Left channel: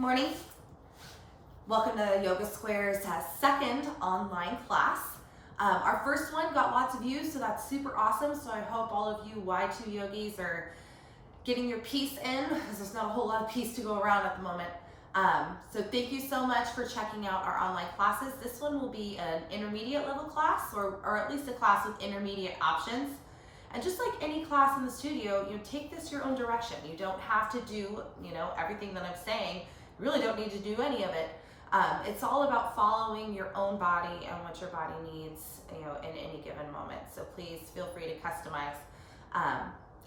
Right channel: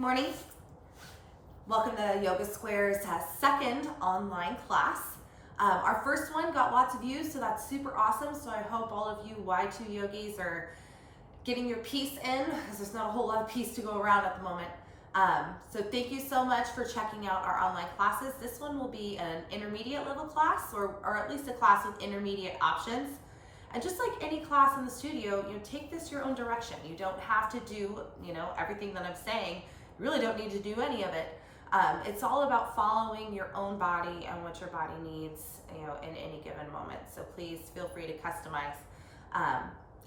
Morning. Welcome to Yoga Square's second online class. Our first one got lots of views, so that's super awesome. So I hope all of you Y2 yogis are getting your piece in, because there's not a whole lot of piece to go around at the moment. So thank you so much for checking out our online classes. This one will be an intermediate level class, or at least a class with intermediate options. And just like any class in the studio, you take this your own direction. You don't have to do, everything that I'm saying. You really don't need to do any of it. It's all about following your own body and what your body needs, in any given moment. So please feel free to customize.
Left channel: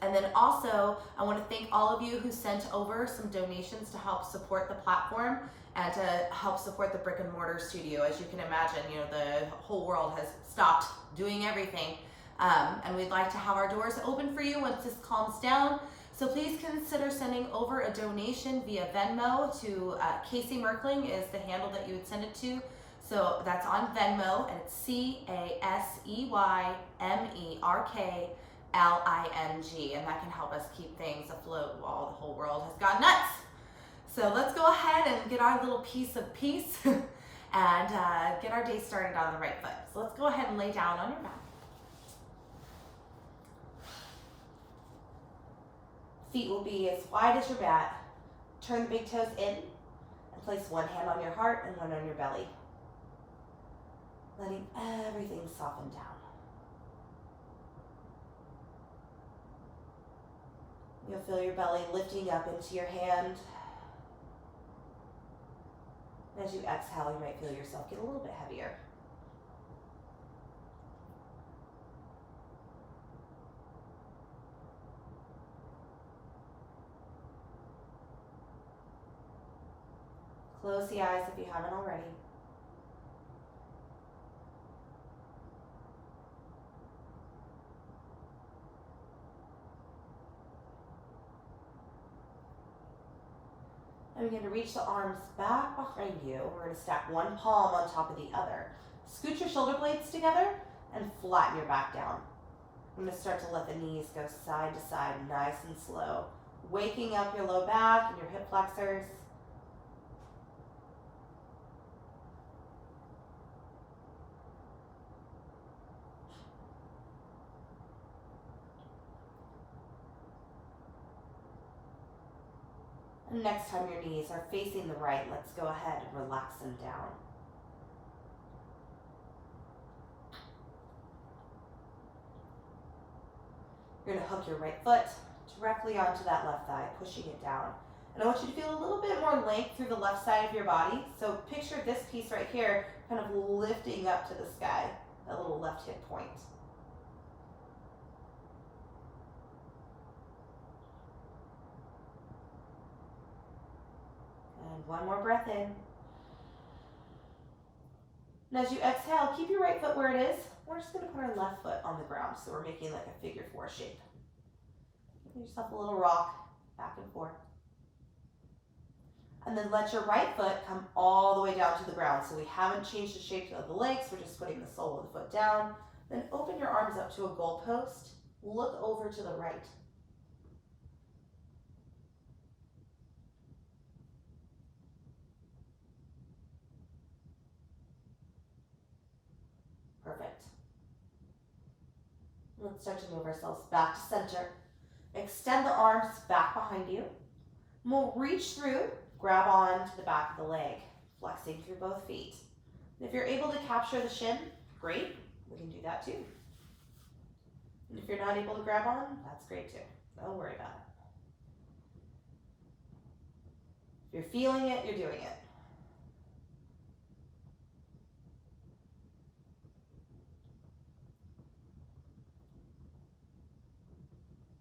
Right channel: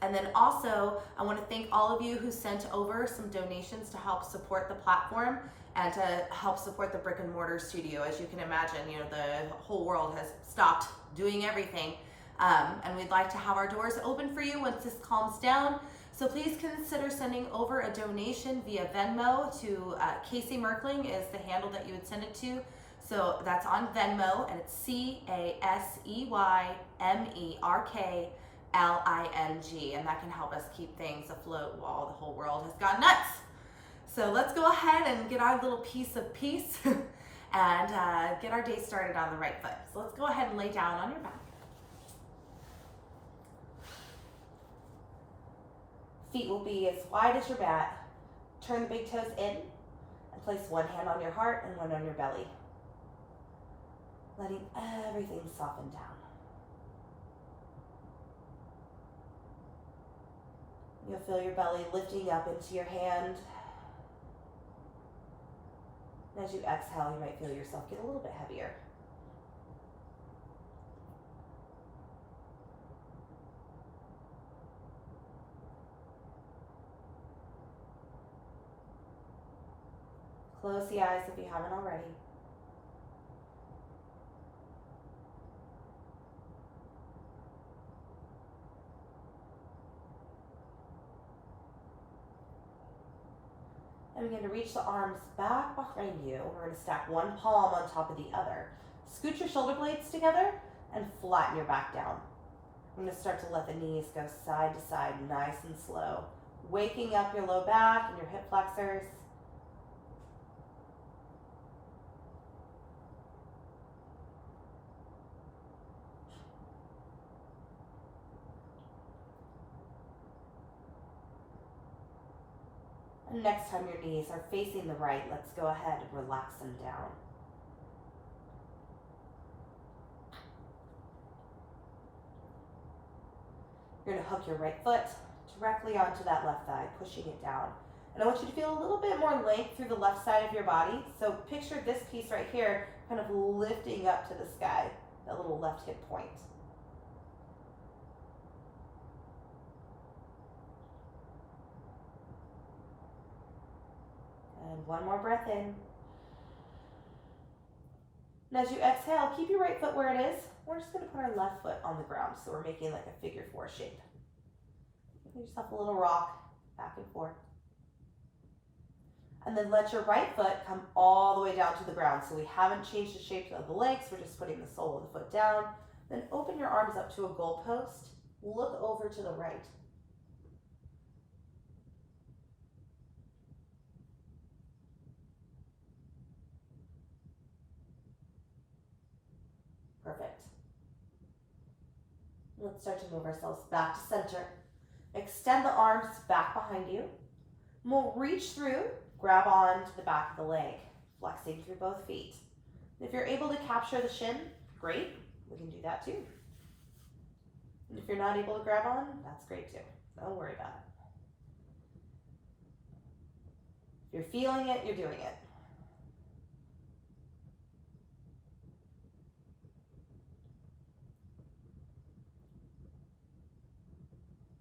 And then also, I want to thank all of you who sent over some donations to help support the platform and to help support the brick and mortar studio. As you can imagine, the whole world has stopped doing everything. And we'd like to have our doors open for you once this calms down. So please consider sending over a donation via Venmo to Casey Merkling is the handle that you would send it to. So that's on Venmo, and it's CASEYMERKLING, and that can help us keep things afloat while the whole world has gone nuts. So let's go ahead and get our little piece of peace and get our day started on the right foot. So let's go ahead and lay down on your back. Feet will be as wide as your mat. Turn the big toes in and place one hand on your heart and one on your belly. Letting everything soften down. You'll feel your belly lifting up into your hand. And as you exhale, you might feel yourself get a little bit heavier. Close the eyes if you haven't already. And begin to reach the arms back behind you. We're going to stack one palm on top of the other. Scoot your shoulder blades together and flatten your back down. I'm going to start to let the knees go side to side, nice and slow. Waking up your low back and your hip flexors. And next time your knees are facing the right, let's go ahead and relax them down. You're going to hook your right foot directly onto that left thigh, pushing it down. And I want you to feel a little bit more length through the left side of your body. So picture this piece right here kind of lifting up to the sky, that little left hip point. And one more breath in. And as you exhale, keep your right foot where it is. We're just going to put our left foot on the ground, so we're making like a figure four shape. Give yourself a little rock, back and forth. And then let your right foot come all the way down to the ground. So we haven't changed the shape of the legs, we're just putting the sole of the foot down. Then open your arms up to a goalpost. Look over to the right. Perfect. Let's start to move ourselves back to center. Extend the arms back behind you. We'll reach through, grab on to the back of the leg, flexing through both feet. And if you're able to capture the shin, great, we can do that too. And if you're not able to grab on, that's great too. Don't worry about it. If you're feeling it, you're doing it.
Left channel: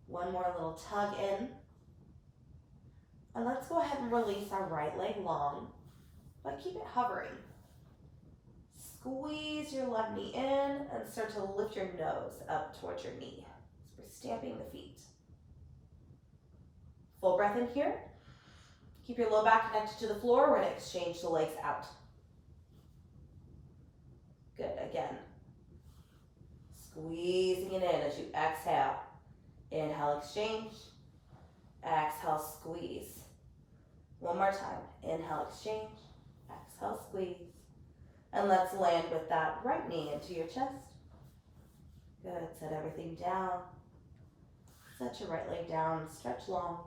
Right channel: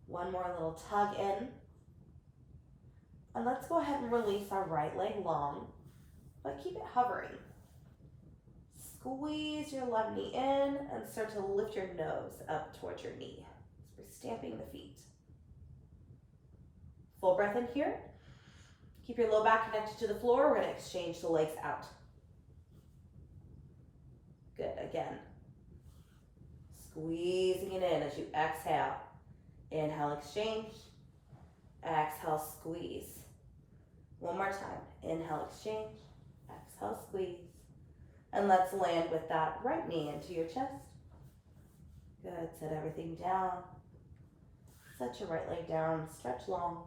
One more little tug in. And let's go ahead and release our right leg long, but keep it hovering. Squeeze your left knee in and start to lift your nose up towards your knee. So we're stamping the feet. Full breath in here. Keep your low back connected to the floor. We're going to exchange the legs out. Good, again. Squeezing it in as you exhale. Inhale, exchange. Exhale, squeeze. One more time. Inhale, exchange. Exhale, squeeze. And let's land with that right knee into your chest. Good. Set everything down. Set your right leg down. Stretch long.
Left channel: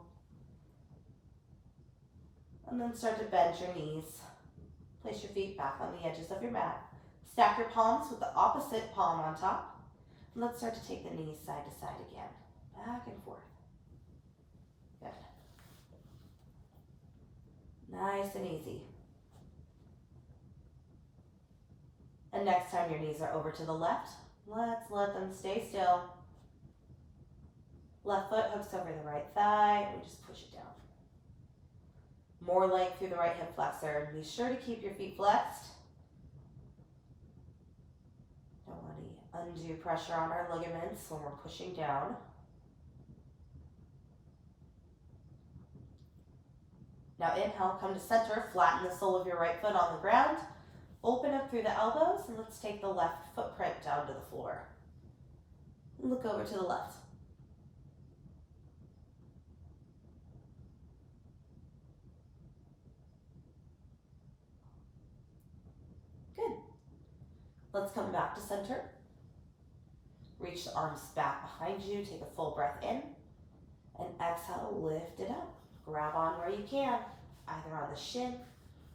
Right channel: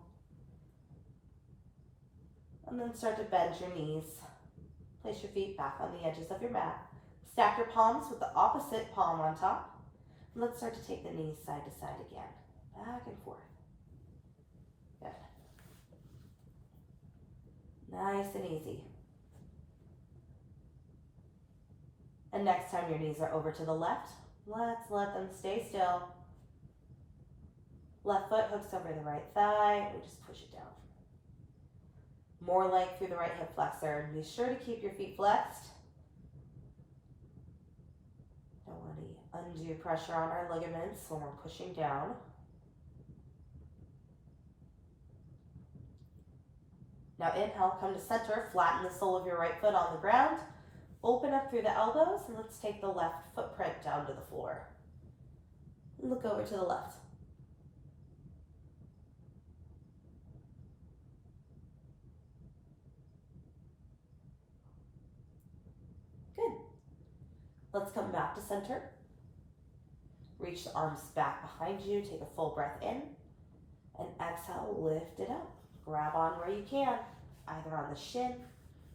And then start to bend your knees. Place your feet back on the edges of your mat. Stack your palms with the opposite palm on top. And let's start to take the knees side to side again. Back and forth. Good. Nice and easy. And next time your knees are over to the left, let's let them stay still. Left foot hooks over the right thigh and just push it down. More length through the right hip flexor. Be sure to keep your feet flexed. Don't want any undue pressure on our ligaments when we're pushing down. Now inhale, come to center, flatten the sole of your right foot on the ground. Open up through the elbows, and let's take the left footprint down to the floor. Look over to the left. Good. Let's come back to center. Reach the arms back behind you. Take a full breath in. And exhale, lift it up. Grab on where you can, either on the shin,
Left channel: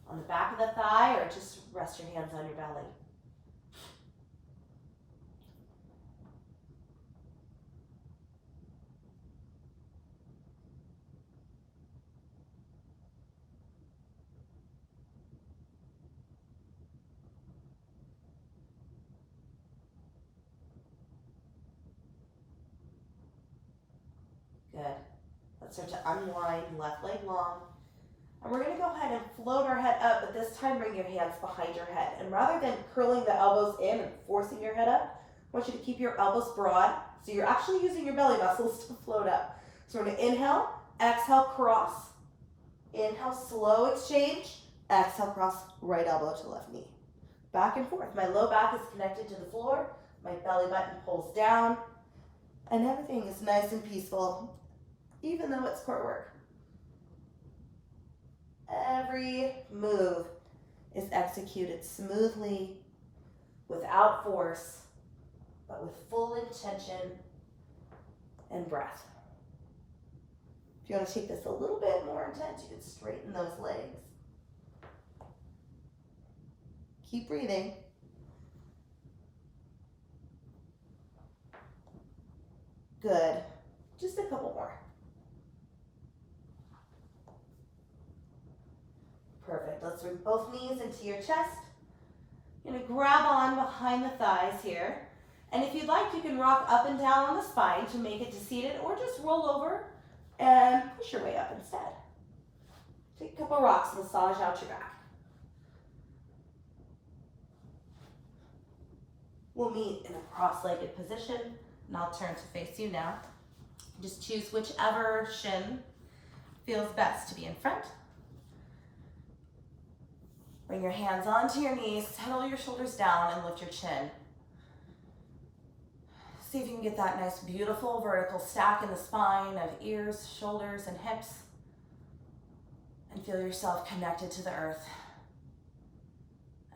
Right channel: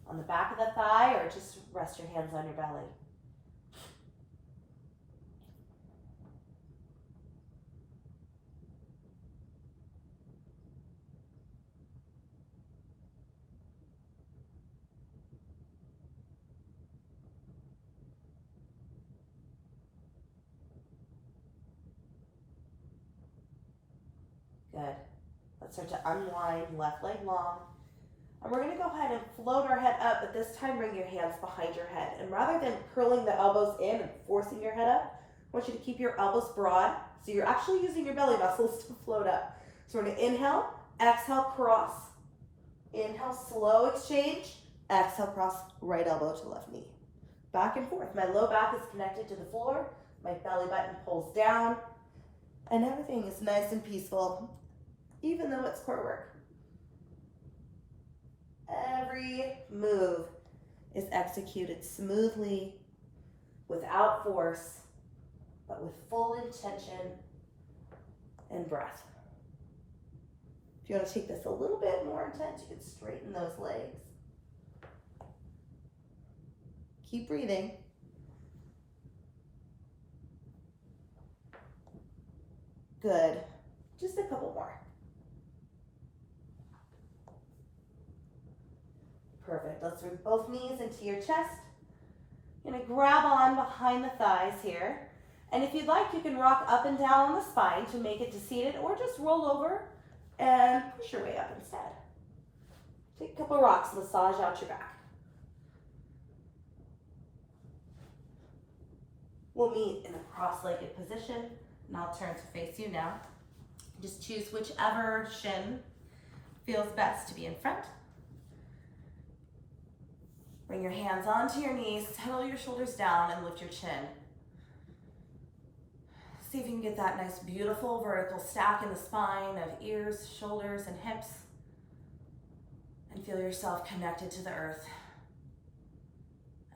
on the back of the thigh, or just rest your hands on your belly. Good. Let's start to unwind, left leg long. And we're going to go ahead and float our head up, but this time bring your hands behind your head. And rather than curling the elbows in and forcing your head up, I want you to keep your elbows broad. So you're actually using your belly muscles to float up. So we're going to inhale, exhale, cross. Inhale, slow exchange. Exhale, cross, right elbow to left knee. Back and forth. My low back is connected to the floor. My belly button pulls down. And everything is nice and peaceful, even though it's core work. Every move is executed smoothly, without force, but with full intention and breath. If you want to take this a little bit more intense, you can straighten those legs. Keep breathing. Good. Just a couple more. Perfect. Let's bring both knees into your chest. You're going to grab on behind the thighs here. And if you'd like, you can rock up and down on the spine to make it to seated, or just roll over and push your way up instead. Take a couple rocks, massage out your back. We'll meet in a cross-legged position, and I'll turn to face you now. Just choose whichever shin feels best to be in front. Bring your hands onto your knees, settle your shoulders down, and lift your chin. See if you can get that nice, beautiful vertical stack in the spine of ears, shoulders, and hips. And feel yourself connected to the earth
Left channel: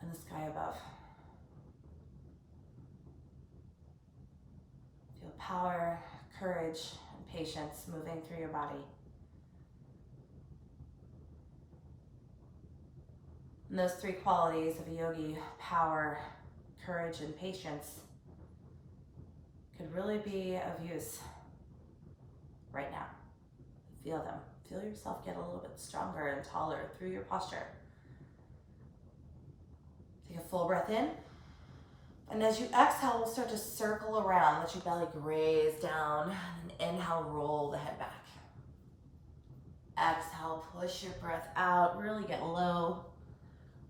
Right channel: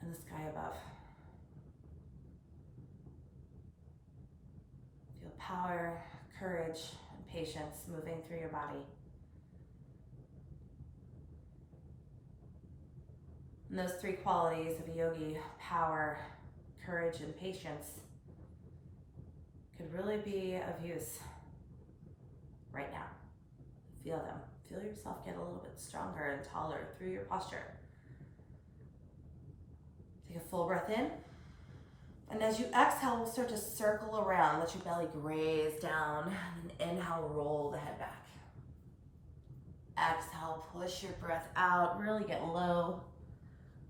and the sky above. Feel power, courage, and patience moving through your body. And those three qualities of a yogi, power, courage, and patience, could really be of use right now. Feel them. Feel yourself get a little bit stronger and taller through your posture. Take a full breath in. And as you exhale, we'll start to circle around. Let your belly graze down. And inhale, roll the head back. Exhale, push your breath out. Really get low.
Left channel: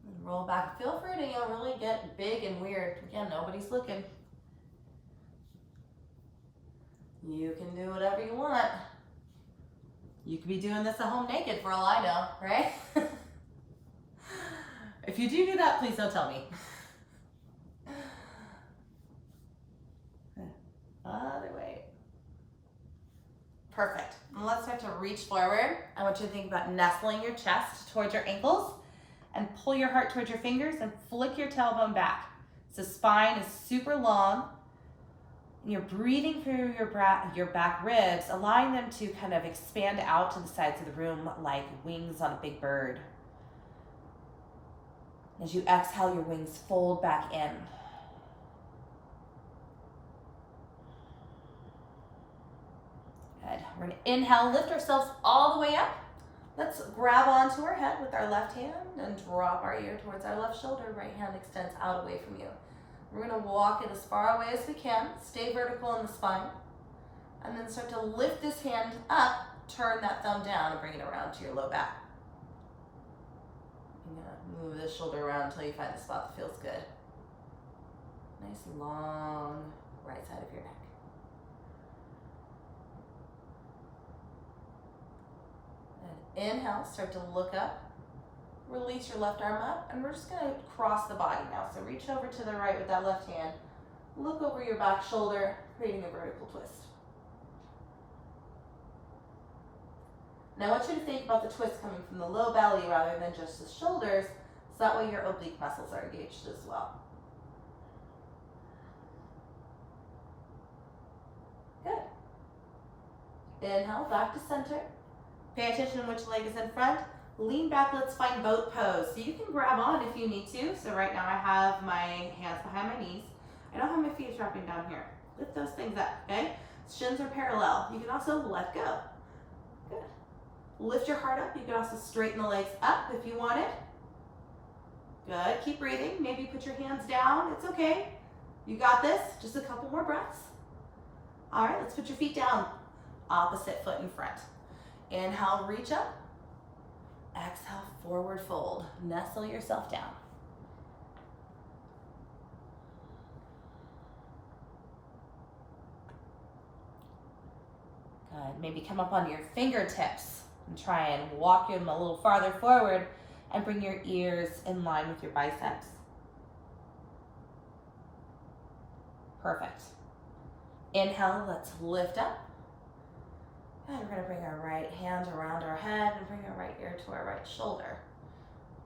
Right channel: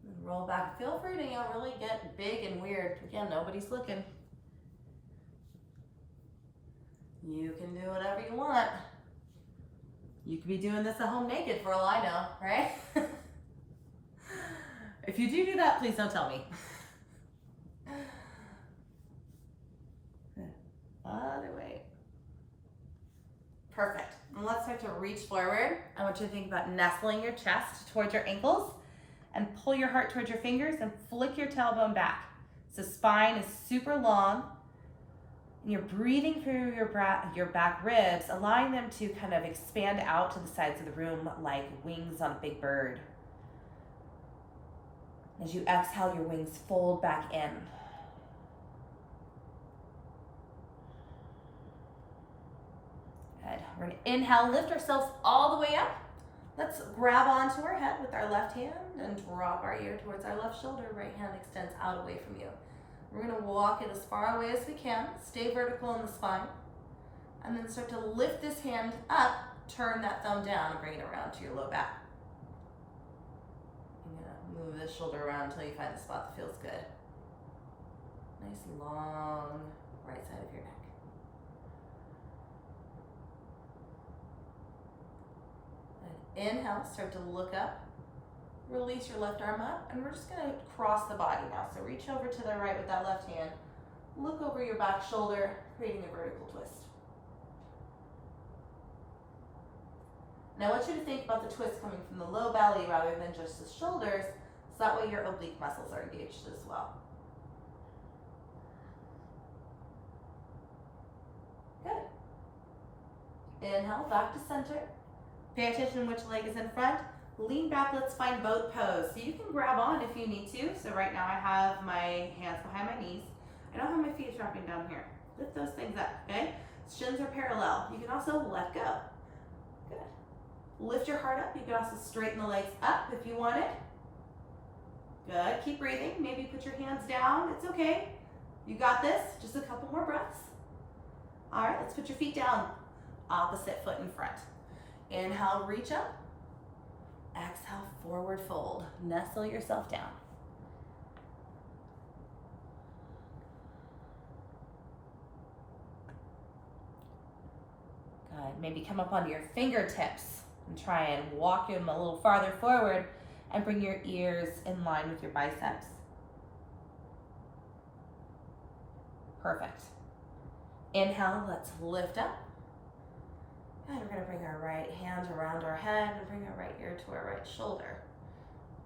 And roll back. Feel free to really get big and weird. Again, nobody's looking. You can do whatever you want. You could be doing this at home naked for all I know, right? If you do that, please don't tell me. Other way. Perfect. And let's start to reach forward. I want you to think about nestling your chest towards your ankles and pull your heart towards your fingers and flick your tailbone back. So spine is super long. And you're breathing through your back ribs, allowing them to kind of expand out to the sides of the room like wings on a big bird. As you exhale, your wings fold back in. Good. We're going to inhale, lift ourselves all the way up. Let's grab onto our head with our left hand and drop our ear towards our left shoulder. Right hand extends out away from you. We're going to walk it as far away as we can. Stay vertical in the spine. And then start to lift this hand up, turn that thumb down, and bring it around to your low back. You're going to move this shoulder around until you find the spot that feels good. Nice long right side of your neck. And inhale, start to look up. Release your left arm up, and we're just going to cross the body now. So reach over to the right with that left hand. Look over your back shoulder, creating a vertical twist. Now I want you to think about the twist coming from the low belly rather than just the shoulders, so that way your oblique muscles are engaged as well. Good. Inhale, back to center. Pay attention to which leg is in front. Lean back, let's find boat pose. So you can grab on if you need to. So right now I have my hands behind my knees. I don't have my feet dropping down here. Lift those things up, okay? Shins are parallel. You can also let go. Good. Lift your heart up. You can also straighten the legs up if you want it. Good, keep breathing. Maybe put your hands down, it's okay. You got this, just a couple more breaths. All right, let's put your feet down. Opposite foot in front. Inhale, reach up. Exhale, forward fold. Nestle yourself down. Good. Maybe come up onto your fingertips and try and walk them a little farther forward and bring your ears in line with your biceps. Perfect. Inhale, let's lift up. And we're going to bring our right hand around our head and bring our right ear to our right shoulder.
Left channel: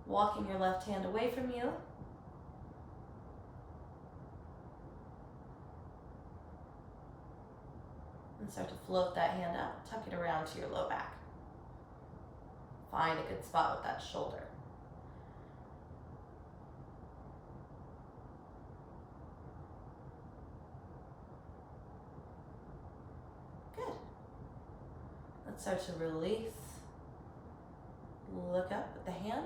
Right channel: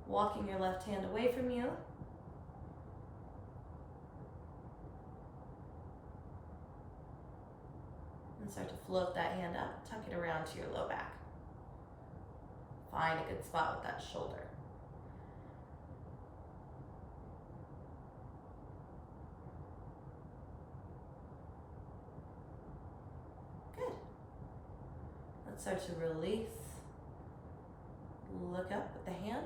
Walking your left hand away from you. And start to float that hand up. Tuck it around to your low back. Find a good spot with that shoulder. Good. Let's start to release. Look up with the hand.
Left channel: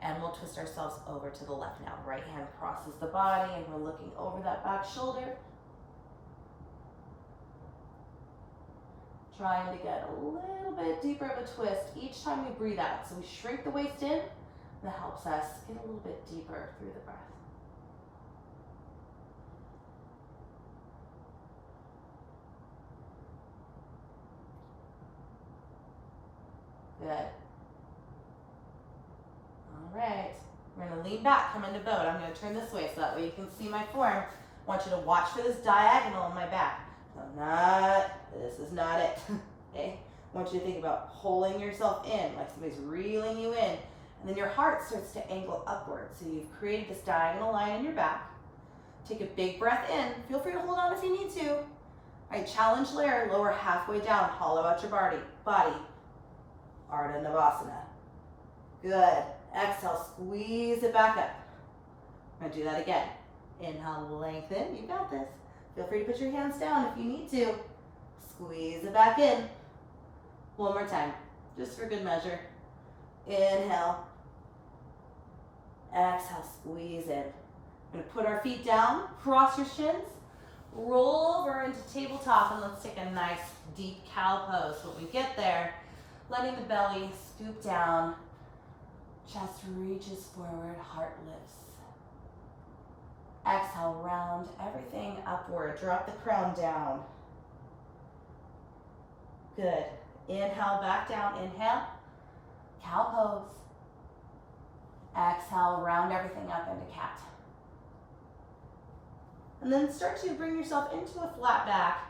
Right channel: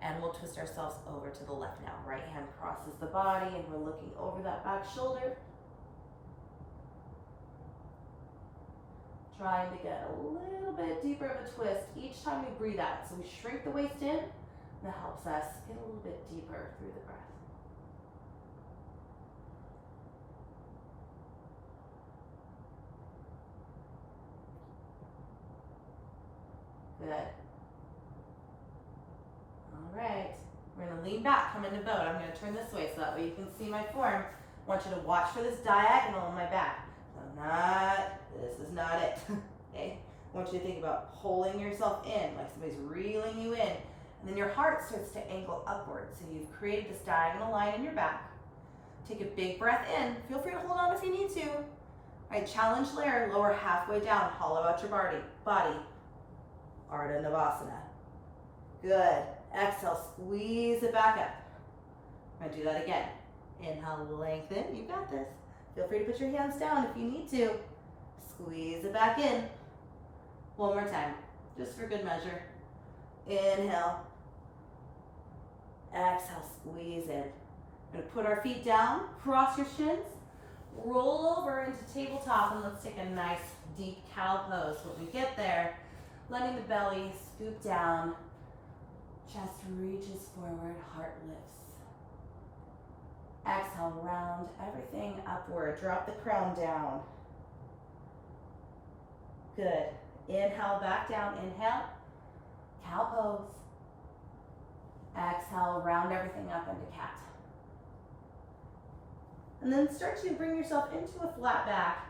And we'll twist ourselves over to the left now. Right hand crosses the body and we're looking over that back shoulder. Trying to get a little bit deeper of a twist each time we breathe out. So we shrink the waist in. That helps us get a little bit deeper through the breath. Good. All right. We're going to lean back, come into boat. I'm going to turn this way so that way you can see my form. I want you to watch for this diagonal in my back. This is not it. Okay? I want you to think about pulling yourself in, like somebody's reeling you in. And then your heart starts to angle upward. So you've created this diagonal line in your back. Take a big breath in. Feel free to hold on if you need to. All right, challenge layer, lower halfway down, hollow out your body. Ardha Navasana. Good. Exhale, squeeze it back up. I'm gonna do that again. Inhale, lengthen. You got this. Feel free to put your hands down if you need to. Squeeze it back in. One more time, just for good measure. Inhale. Exhale, squeeze in. We're gonna put our feet down, cross your shins, roll over into tabletop, and let's take a nice deep cow pose. When we get there, letting the belly scoop down, chest reaches forward, heart lifts. Exhale, round everything upward. Drop the crown down. Good. Inhale, back down. Inhale, cow pose. Exhale, round everything up into cat. And then start to bring yourself into a flat back.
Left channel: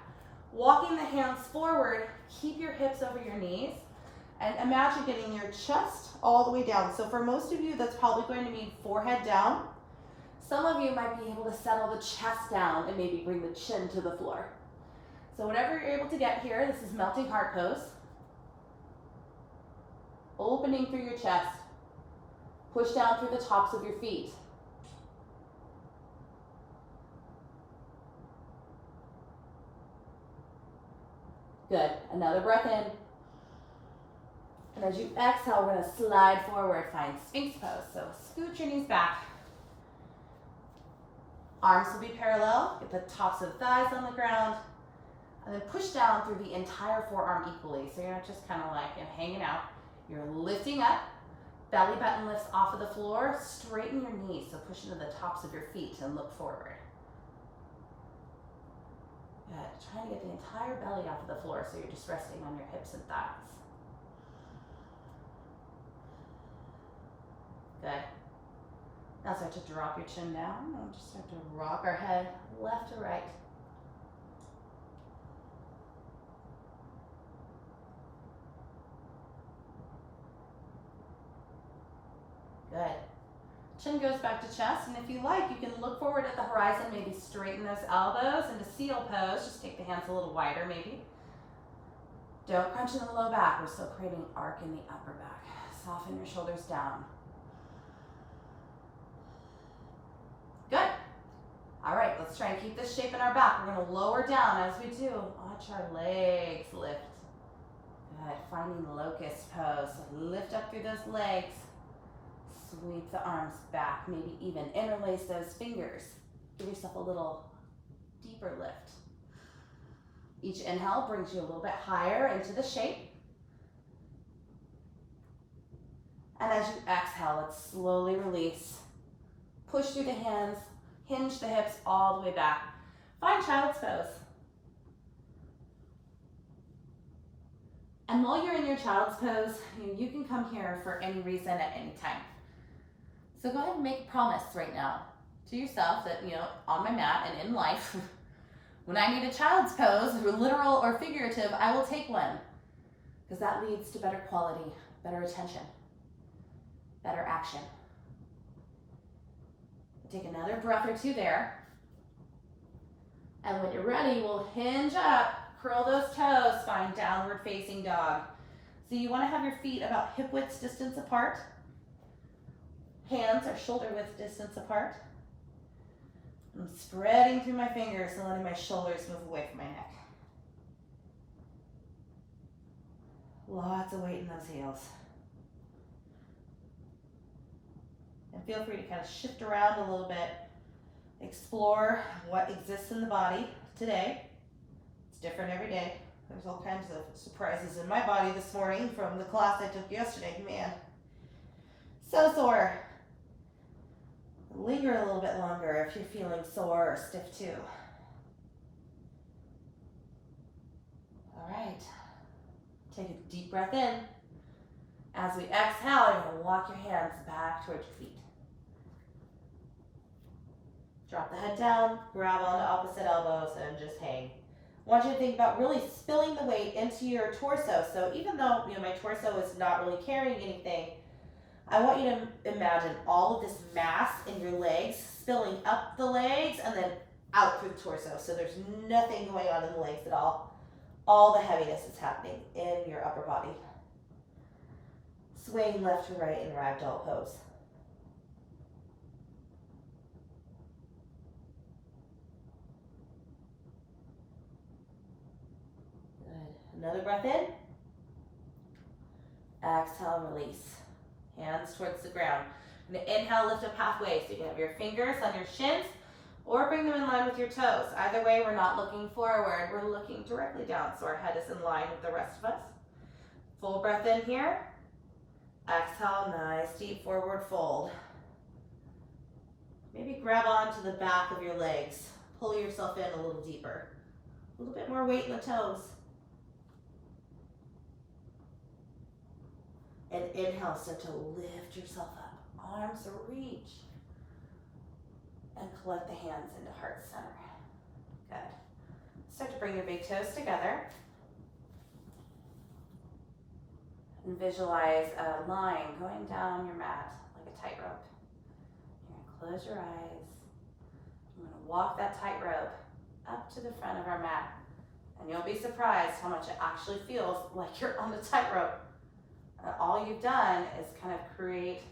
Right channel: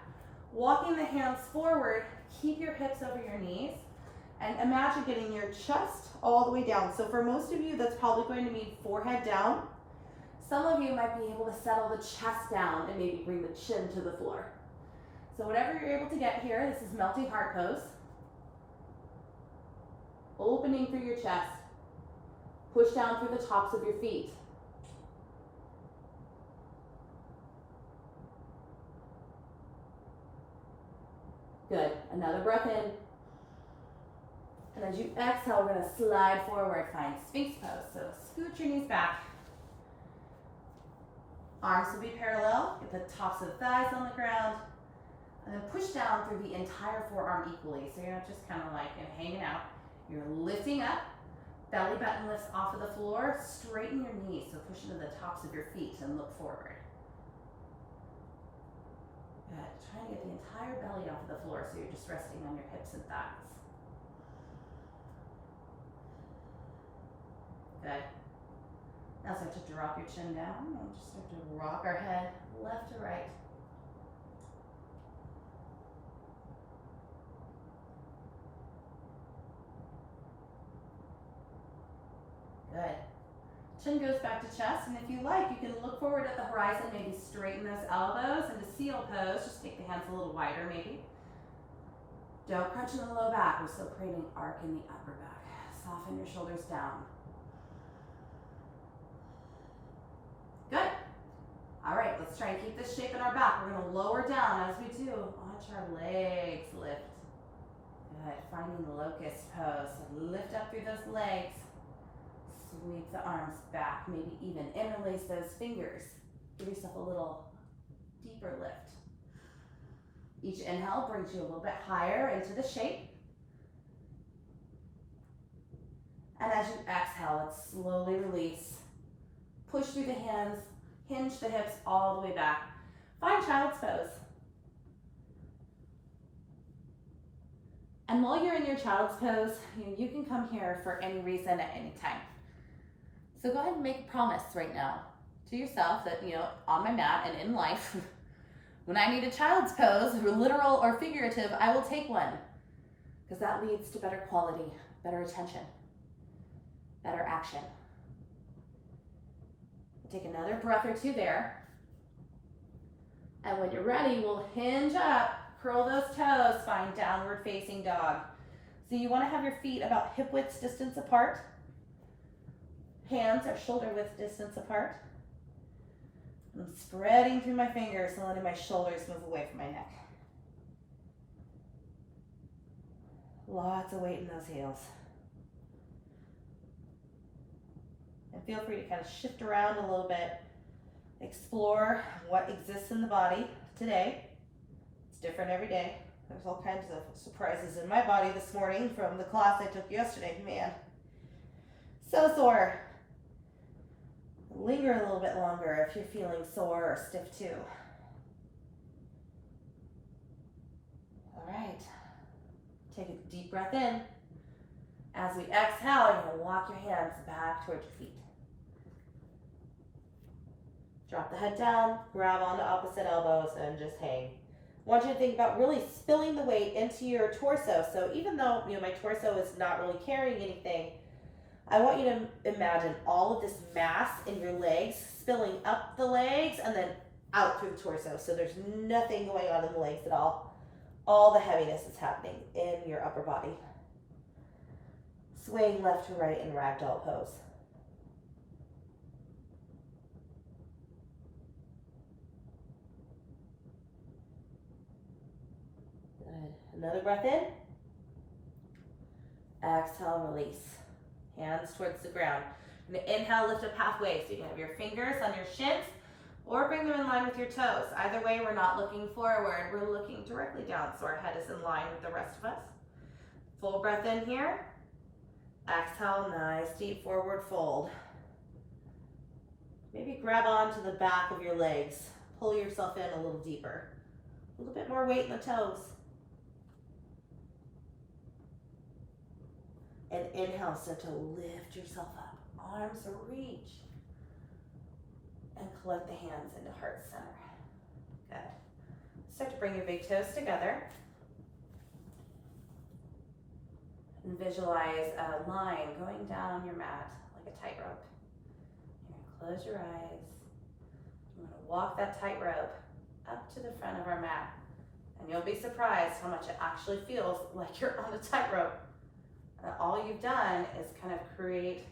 Walking the hands forward, keep your hips over your knees, and imagine getting your chest all the way down. So for most of you, that's probably going to mean forehead down. Some of you might be able to settle the chest down and maybe bring the chin to the floor. So whatever you're able to get here, this is melting heart pose. Opening through your chest. Push down through the tops of your feet. Good. Another breath in. And as you exhale, we're going to slide forward. Find Sphinx pose. So scoot your knees back. Arms will be parallel. Get the tops of the thighs on the ground. And then push down through the entire forearm equally. So you're not just kind of like hanging out. You're lifting up. Belly button lifts off of the floor. Straighten your knees. So push into the tops of your feet and look forward. Good. Try to get the entire belly off of the floor so you're just resting on your hips and thighs. Good. Now start to drop your chin down and just start to rock our head left to right. Good. Chin goes back to chest, and if you like, you can look forward at the horizon, maybe straighten those elbows into seal pose. Just take the hands a little wider, maybe. Don't crunch in the low back. We're still creating arc in the upper back. Soften your shoulders down. Good. All right, let's try and keep this shape in our back. We're going to lower down as we do. Watch our legs lift. Good. Finding the locust pose. So lift up through those legs. Sweep the arms back. Maybe even interlace those fingers. Give yourself a little deeper lift. Each inhale brings you a little bit higher into the shape. And as you exhale, let's slowly release. Push through the hands, hinge the hips all the way back. Find child's pose. And while you're in your child's pose, you can come here for any reason at any time. So go ahead and make a promise right now to yourself that, on my mat and in life, when I need a child's pose, literal or figurative, I will take one. Because that leads to better quality, better attention, better action. Take another breath or two there. And when you're ready, we'll hinge up, curl those toes, find downward facing dog. So you want to have your feet about hip width distance apart. Hands are shoulder width distance apart. I'm spreading through my fingers and letting my shoulders move away from my neck. Lots of weight in those heels. And feel free to kind of shift around a little bit. Explore what exists in the body today. It's different every day. There's all kinds of surprises in my body this morning from the class I took yesterday. Man, so sore. Linger a little bit longer if you're feeling sore or stiff too. All right. Take a deep breath in. As we exhale, you're going to walk your hands back towards your feet. Drop the head down, grab onto opposite elbows, and just hang. I want you to think about really spilling the weight into your torso. So even though my torso is not really carrying anything, I want you to imagine all of this mass in your legs spilling up the legs and then out through the torso. So there's nothing going on in the legs at all. All the heaviness is happening in your upper body. Swaying left to right in ragdoll pose. Good. Another breath in. Exhale, release. Hands towards the ground. And inhale, lift up halfway. So you can have your fingers on your shins or bring them in line with your toes. Either way, we're not looking forward. We're looking directly down so our head is in line with the rest of us. Full breath in here. Exhale, nice deep forward fold. Maybe grab onto the back of your legs. Pull yourself in a little deeper. A little bit more weight in the toes. And inhale, start to lift yourself up. Arms reach. And collect the hands into heart center. Good. Start to bring your big toes together. And visualize a line going down your mat like a tightrope. You're going to close your eyes. I'm going to walk that tightrope up to the front of our mat. And you'll be surprised how much it actually feels like you're on a tightrope. All you've done is kind of create,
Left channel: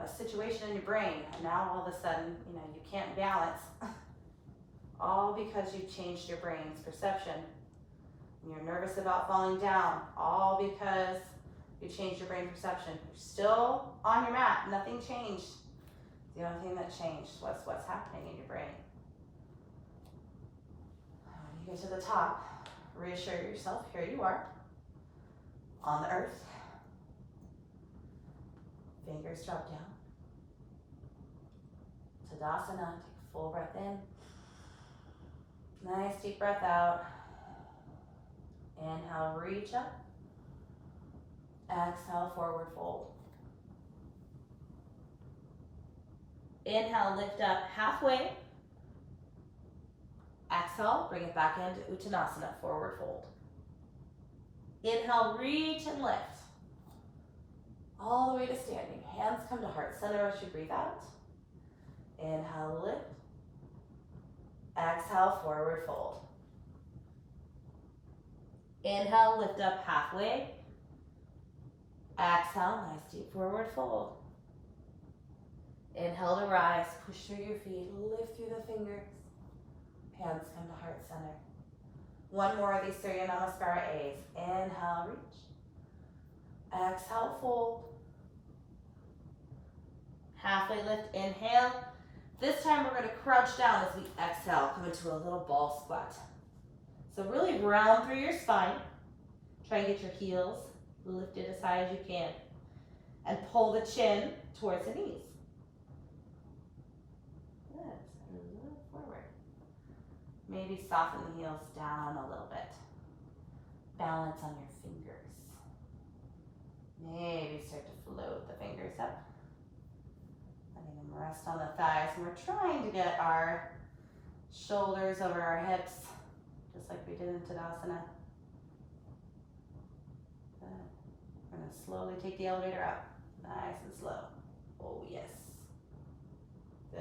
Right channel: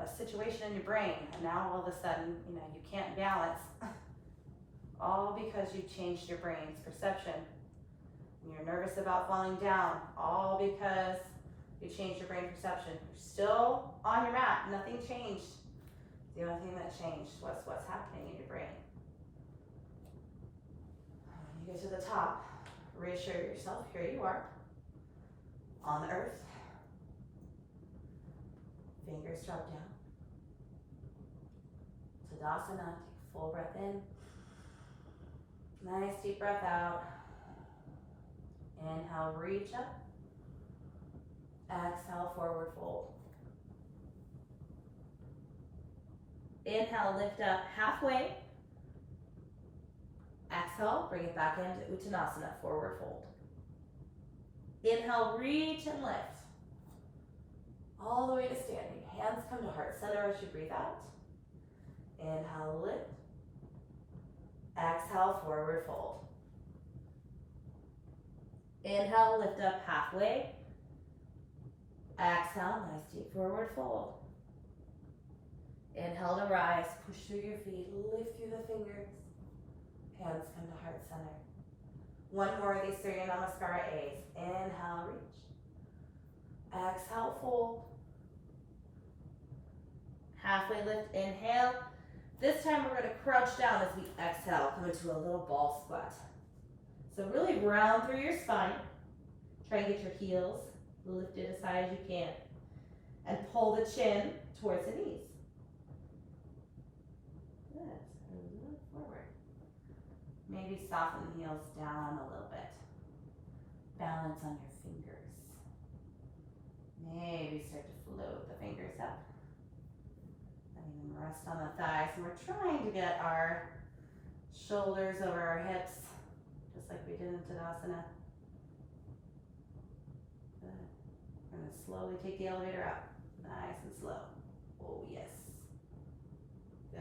a situation in your brain. And now all of a sudden, you can't balance. All because you changed your brain's perception. And you're nervous about falling down, all because you changed your brain perception. You're still on your mat, nothing changed. The only thing that changed was what's happening in your brain. When you get to the top, reassure yourself, here you are, on the earth. Fingers drop down. Savasana, take a full breath in. Nice deep breath out. Inhale, reach up. Exhale, forward fold. Inhale, lift up halfway. Exhale, bring it back into Uttanasana, forward fold. Inhale, reach and lift. All the way to standing. Hands come to heart center as you breathe out. Inhale, lift. Exhale, forward fold. Inhale, lift up halfway. Exhale, nice deep forward fold. Inhale to rise, push through your feet, lift through the fingers. Hands come to heart center. One more of these Surya Namaskara A's. Inhale, reach. Exhale, fold. Halfway lift, inhale. This time we're going to crouch down as we exhale, come into a little ball squat. So really round through your spine. Try and get your heels lifted as high as you can. And pull the chin towards the knees. Good. A little forward. Maybe soften the heels down a little bit. Balance on your fingers. Maybe start to float the fingers up. Letting them rest on the thighs. And we're trying to get our shoulders over our hips, just like we did in Tadasana. Good. We're going to slowly take the elevator up. Nice and slow. Oh, yes. Good.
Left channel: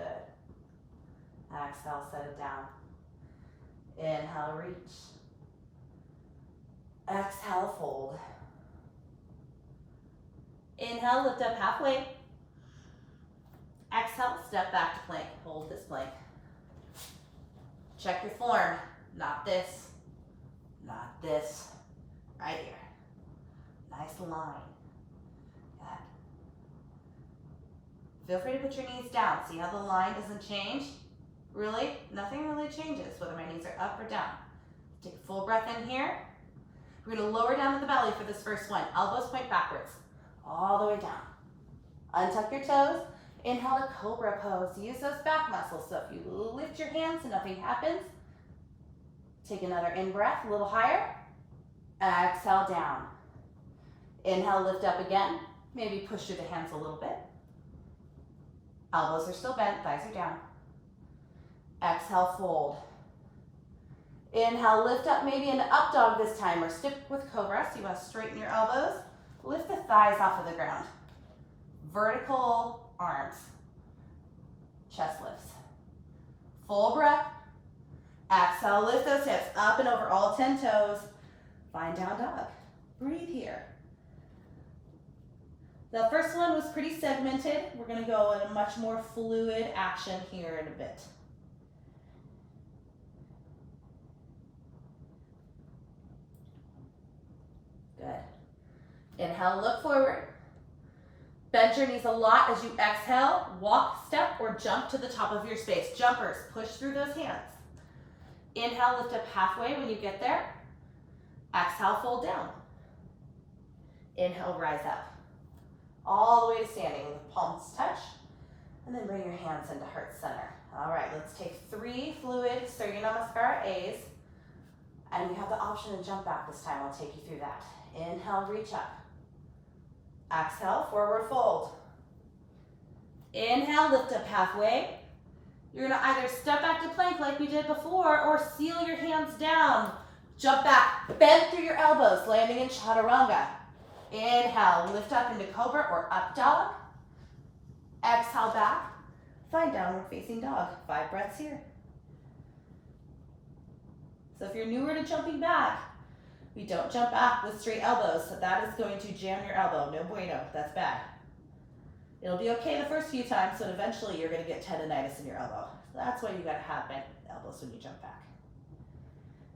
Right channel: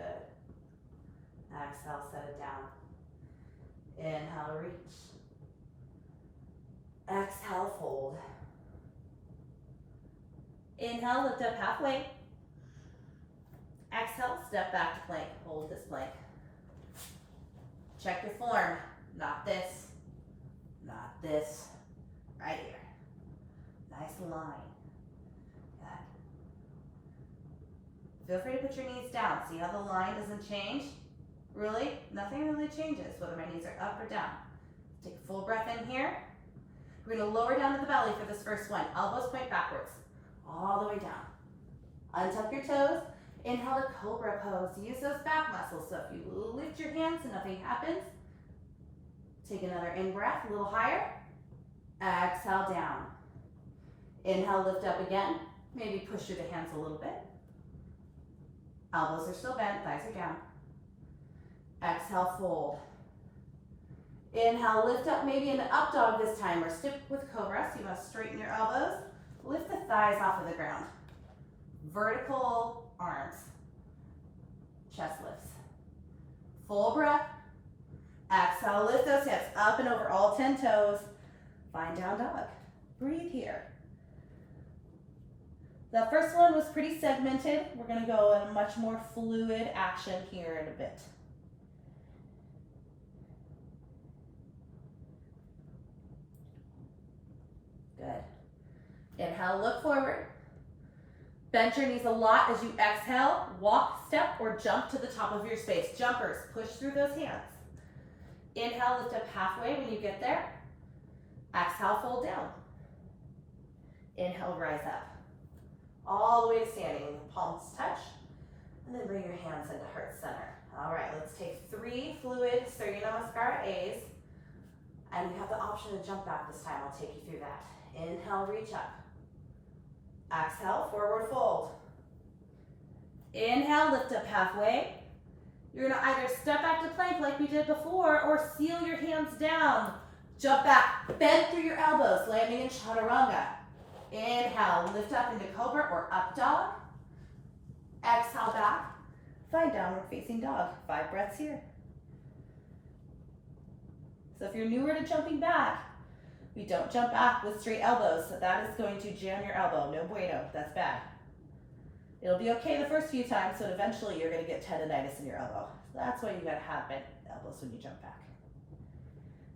Exhale, set it down. Inhale, reach. Exhale, fold. Inhale, lift up halfway. Exhale, step back to plank. Hold this plank. Check your form. Not this. Not this. Right here. Nice line. Good. Feel free to put your knees down. See how the line doesn't change? Really? Nothing really changes whether my knees are up or down. Take a full breath in here. We're going to lower down to the belly for this first one. Elbows point backwards. All the way down. Untuck your toes. Inhale to cobra pose. Use those back muscles. So if you lift your hands and nothing happens, take another in-breath, a little higher. Exhale down. Inhale, lift up again. Maybe push through the hands a little bit. Elbows are still bent, thighs are down. Exhale, fold. Inhale, lift up, maybe an up dog this time, or stick with cobra. So you want to straighten your elbows. Lift the thighs off of the ground. Vertical arms. Chest lifts. Full breath. Exhale, lift those hips up and over all 10 toes. Find down dog. Breathe here. The first one was pretty segmented. We're going to go in a much more fluid action here in a bit. Good. Inhale, look forward. Bend your knees a lot as you exhale. Walk, step, or jump to the top of your space. Jumpers, push through those hands. Inhale, lift up halfway when you get there. Exhale, fold down. Inhale, rise up. All the way to standing. The palms touch. And then bring your hands into heart center. All right, let's take 3 fluid Surya Namaskara A's. And you have the option to jump back this time. I'll take you through that. Inhale, reach up. Exhale, forward fold. Inhale, lift up halfway. You're gonna either step back to plank like we did before or seal your hands down. Jump back, bend through your elbows, landing in chaturanga. Inhale, lift up into cobra or up dog. Exhale back, find downward facing dog. 5 breaths here. So if you're newer to jumping back, we don't jump back with straight elbows, so that is going to jam your elbow. No bueno, that's bad. It'll be okay the first few times, but eventually you're gonna get tendonitis in your elbow. So that's why you gotta have bent elbows when you jump back.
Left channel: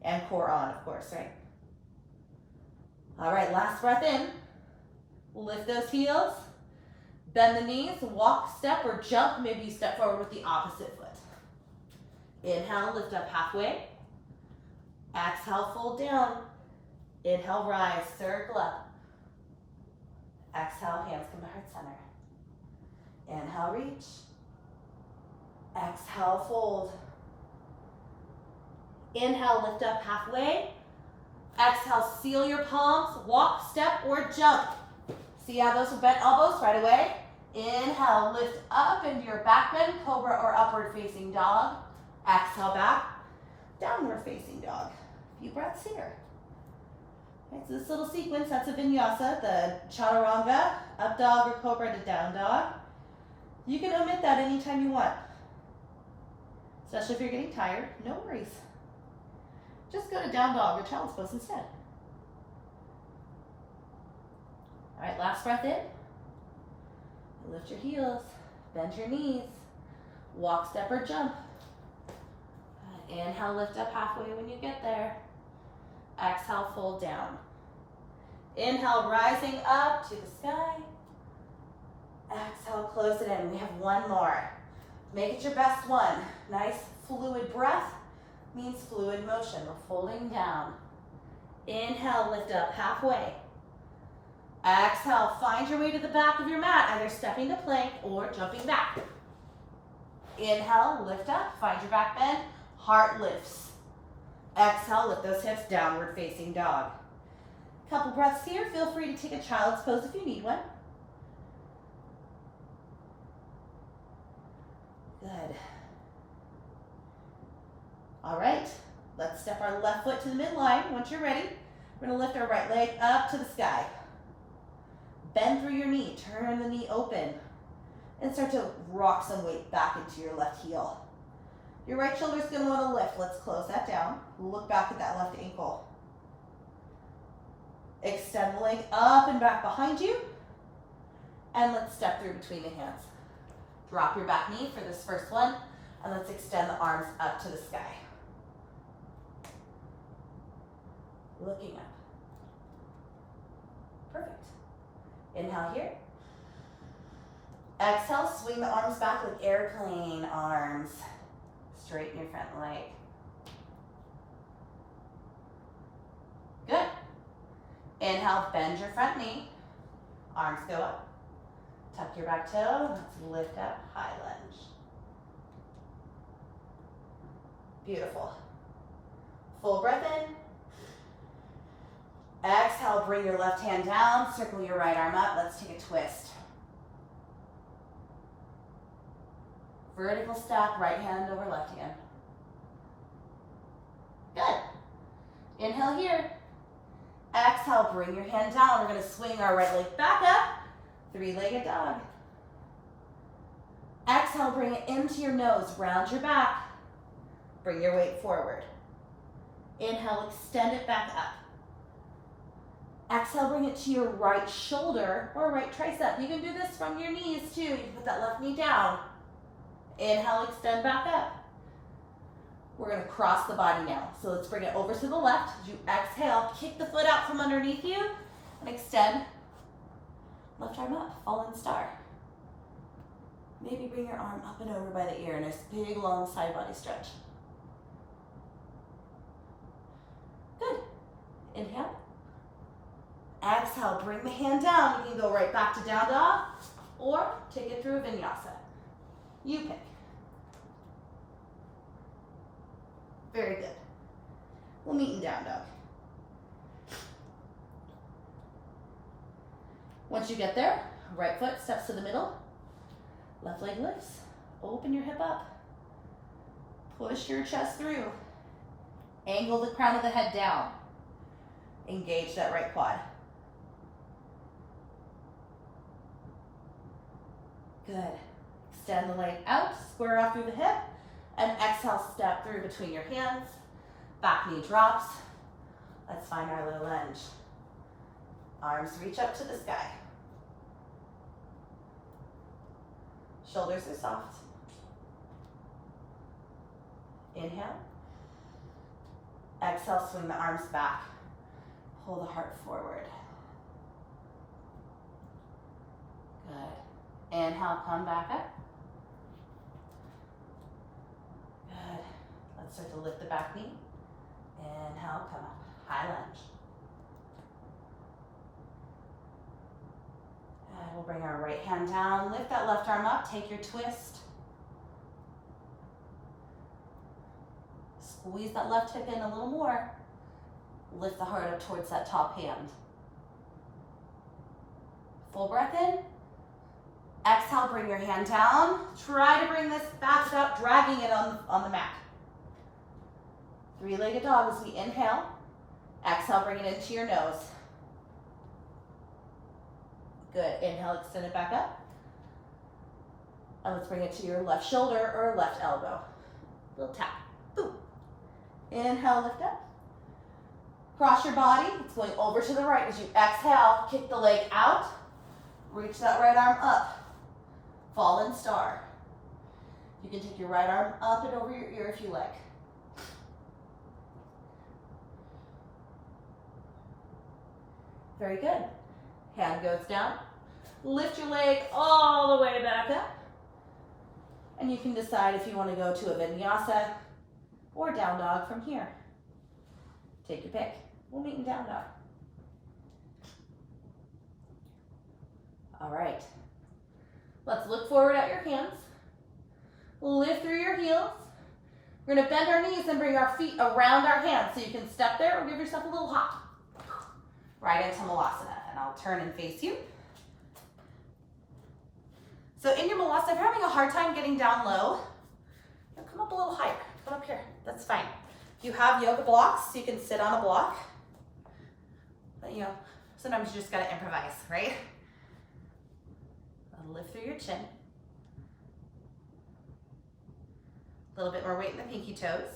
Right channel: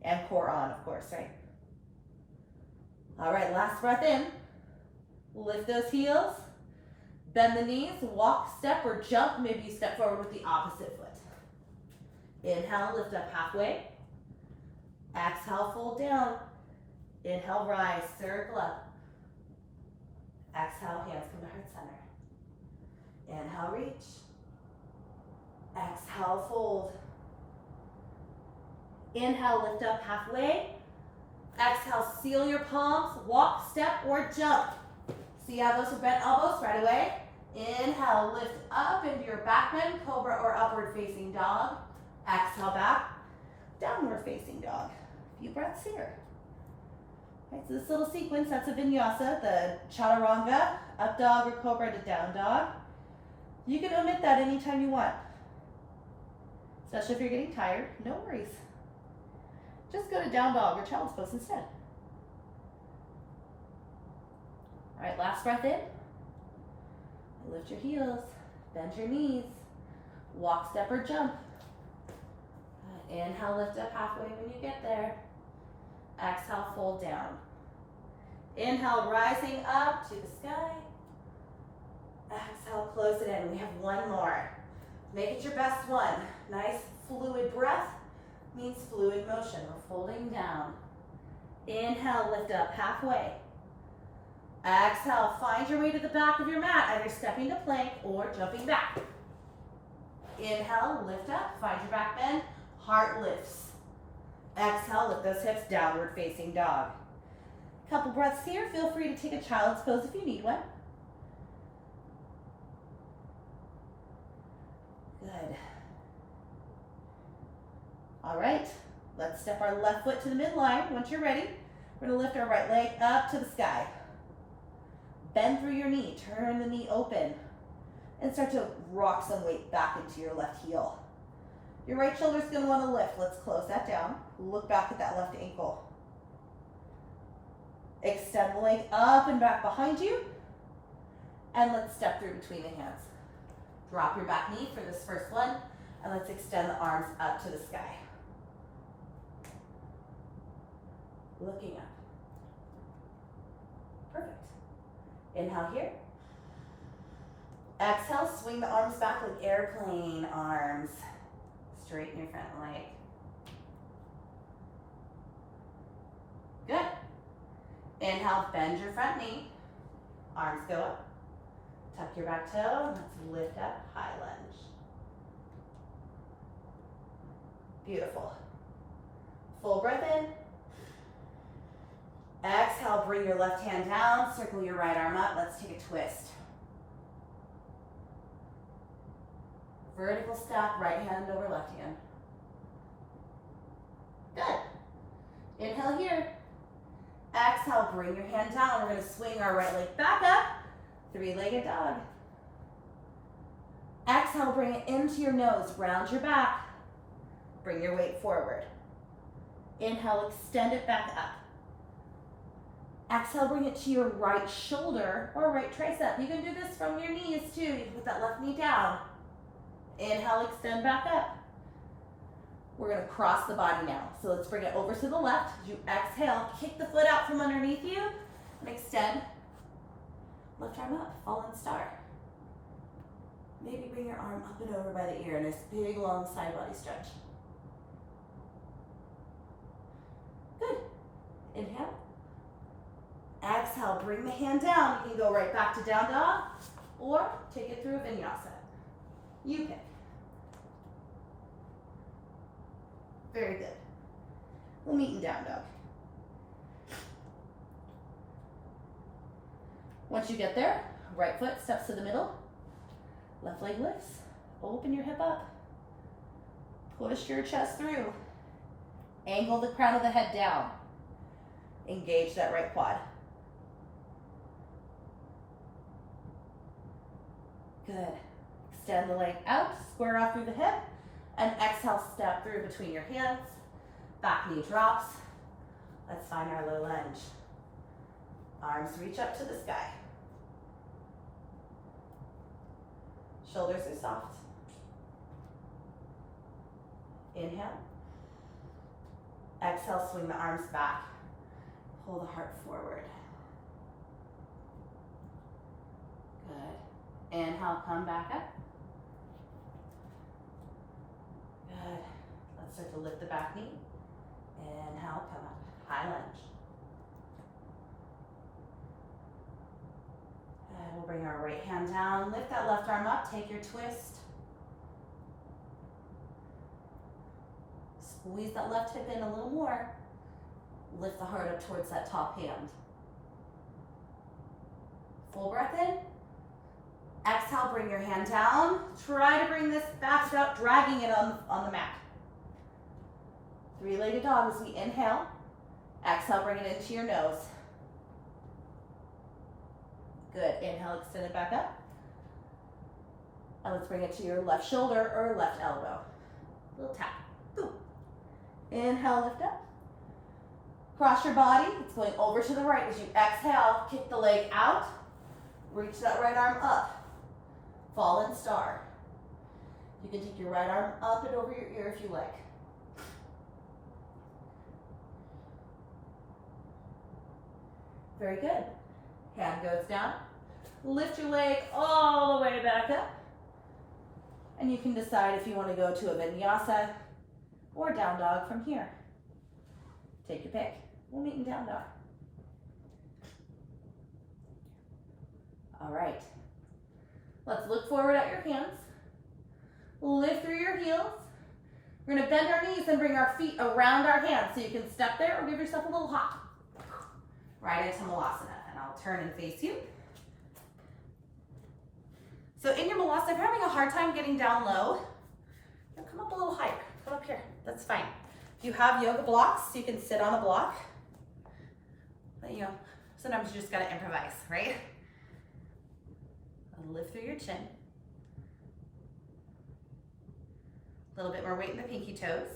And core on, of course, right? All right, last breath in. Lift those heels, bend the knees, walk, step, or jump. Maybe you step forward with the opposite foot. Inhale, lift up halfway. Exhale, fold down. Inhale, rise, circle up. Exhale, hands come to heart center. Inhale, reach. Exhale, fold. Inhale, lift up halfway. Exhale, seal your palms, walk, step, or jump. See how those bent elbows right away? Inhale, lift up into your back bend, cobra or upward facing dog. Exhale back, downward facing dog. A few breaths here. Right, so this little sequence, that's a vinyasa, the chaturanga, up dog or cobra to down dog. You can omit that anytime you want. Especially if you're getting tired, no worries. Just go to down dog or child's pose instead. All right, last breath in. Lift your heels, bend your knees, walk, step, or jump. Inhale, lift up halfway when you get there. Exhale, fold down. Inhale, rising up to the sky. Exhale, close it in. We have one more. Make it your best one. Nice fluid breath means fluid motion. We're folding down. Inhale, lift up halfway. Exhale, find your way to the back of your mat, either stepping to plank or jumping back. Inhale, lift up, find your back bend, heart lifts. Exhale, lift those hips, downward facing dog. Couple breaths here. Feel free to take a child's pose if you need one. Good. All right, let's step our left foot to the midline. Once you're ready, we're gonna lift our right leg up to the sky. Bend through your knee, turn the knee open, and start to rock some weight back into your left heel. Your right shoulder's gonna wanna lift. Let's close that down. Look back at that left ankle. Extend the leg up and back behind you, and let's step through between the hands. Drop your back knee for this first one, and let's extend the arms up to the sky. Looking up. Perfect. Inhale here. Exhale, swing the arms back like airplane arms. Straighten your front leg. Good. Inhale, bend your front knee. Arms go up. Tuck your back toe. Let's lift up, high lunge. Beautiful. Full breath in. Exhale, bring your left hand down, circle your right arm up. Let's take a twist. Vertical stack, right hand over left hand. Good. Inhale here. Exhale, bring your hand down. We're gonna swing our right leg back up. 3-legged dog. Exhale, bring it into your nose, round your back. Bring your weight forward. Inhale, extend it back up. Exhale, bring it to your right shoulder or right tricep. You can do this from your knees too. You can put that left knee down. Inhale, extend back up. We're gonna cross the body now. So let's bring it over to the left. As you exhale, kick the foot out from underneath you and extend. Left arm up, fallen star. Maybe bring your arm up and over by the ear. Nice big long side body stretch. Good. Inhale. Exhale, bring the hand down. You can go right back to down dog or take it through a vinyasa. You pick. Very good. We'll meet in down dog. Once you get there, right foot steps to the middle, left leg lifts, open your hip up, Push your chest through. Angle the crown of the head down. Engage that right quad. Good. Extend the leg out, square off through the hip, and exhale, step through between your hands. Back knee drops. Let's find our low lunge. Arms reach up to the sky. Shoulders are soft. Inhale. Exhale, swing the arms back. Pull the heart forward. Good. Inhale, come back up. Good. Let's start to lift the back knee. Inhale, come up. High lunge. And we'll bring our right hand down. Lift that left arm up. Take your twist. Squeeze that left hip in a little more. Lift the heart up towards that top hand. Full breath in. Exhale, bring your hand down. Try to bring this back up, dragging it on the mat. Three-legged dog as we inhale. Exhale, bring it into your nose. Good. Inhale, extend it back up. And let's bring it to your left shoulder or left elbow. Little tap. Boom. Inhale, lift up. Cross your body. It's going over to the right. As you exhale, kick the leg out. Reach that right arm up. Fallen star. You can take your right arm up and over your ear if you like. Very good. Hand goes down. Lift your leg all the way back up. And you can decide if you want to go to a vinyasa or down dog from here. Take your pick. We'll meet in down dog. All right. Let's look forward at your hands. Lift through your heels. We're going to bend our knees and bring our feet around our hands so you can step there or give yourself a little hop. Right into Malasana, and I'll turn and face you. So in your Malasana, if you're having a hard time getting down low, come up a little higher. Come up here. That's fine. If you have yoga blocks, you can sit on a block. But you know, sometimes you just got to improvise, right? Lift through your chin. A little bit more weight in the pinky toes.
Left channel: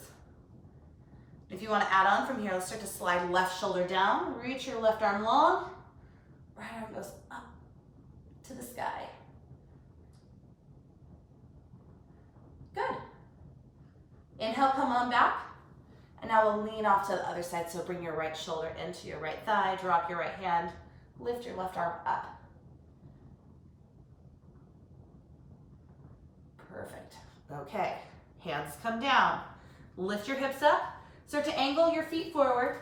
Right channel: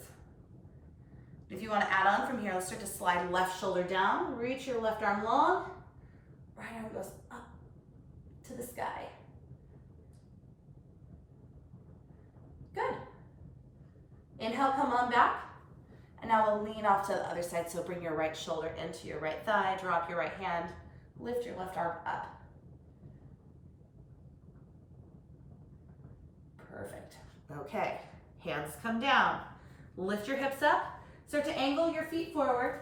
If you want to add on from here, let's start to slide left shoulder down. Reach your left arm long. Right arm goes up to the sky. Good. Inhale, come on back. And now we'll lean off to the other side. So bring your right shoulder into your right thigh. Drop your right hand. Lift your left arm up. Perfect. Okay. Hands come down. Lift your hips up. Start to angle your feet forward.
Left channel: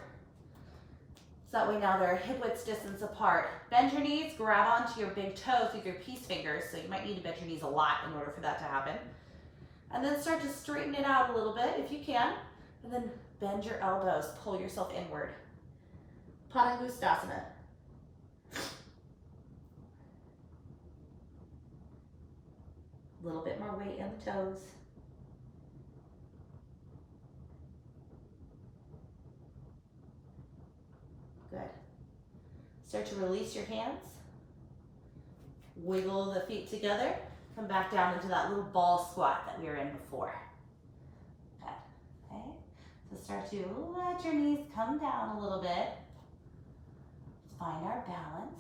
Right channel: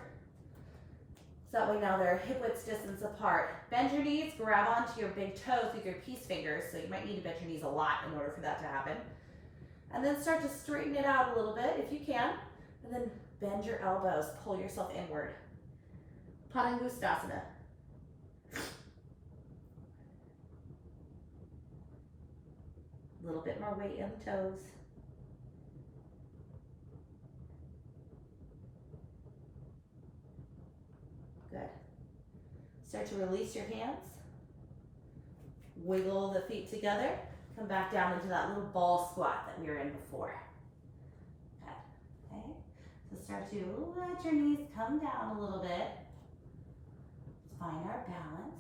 So that way now they're hip width distance apart. Bend your knees, grab onto your big toes with your peace fingers. So you might need to bend your knees a lot in order for that to happen. And then start to straighten it out a little bit if you can. And then bend your elbows, pull yourself inward. Padangustasana. A little bit more weight in the toes. Good. Start to release your hands. Wiggle the feet together. Come back down into that little ball squat that we were in before. Good. Okay. So start to let your knees come down a little bit. Find our balance.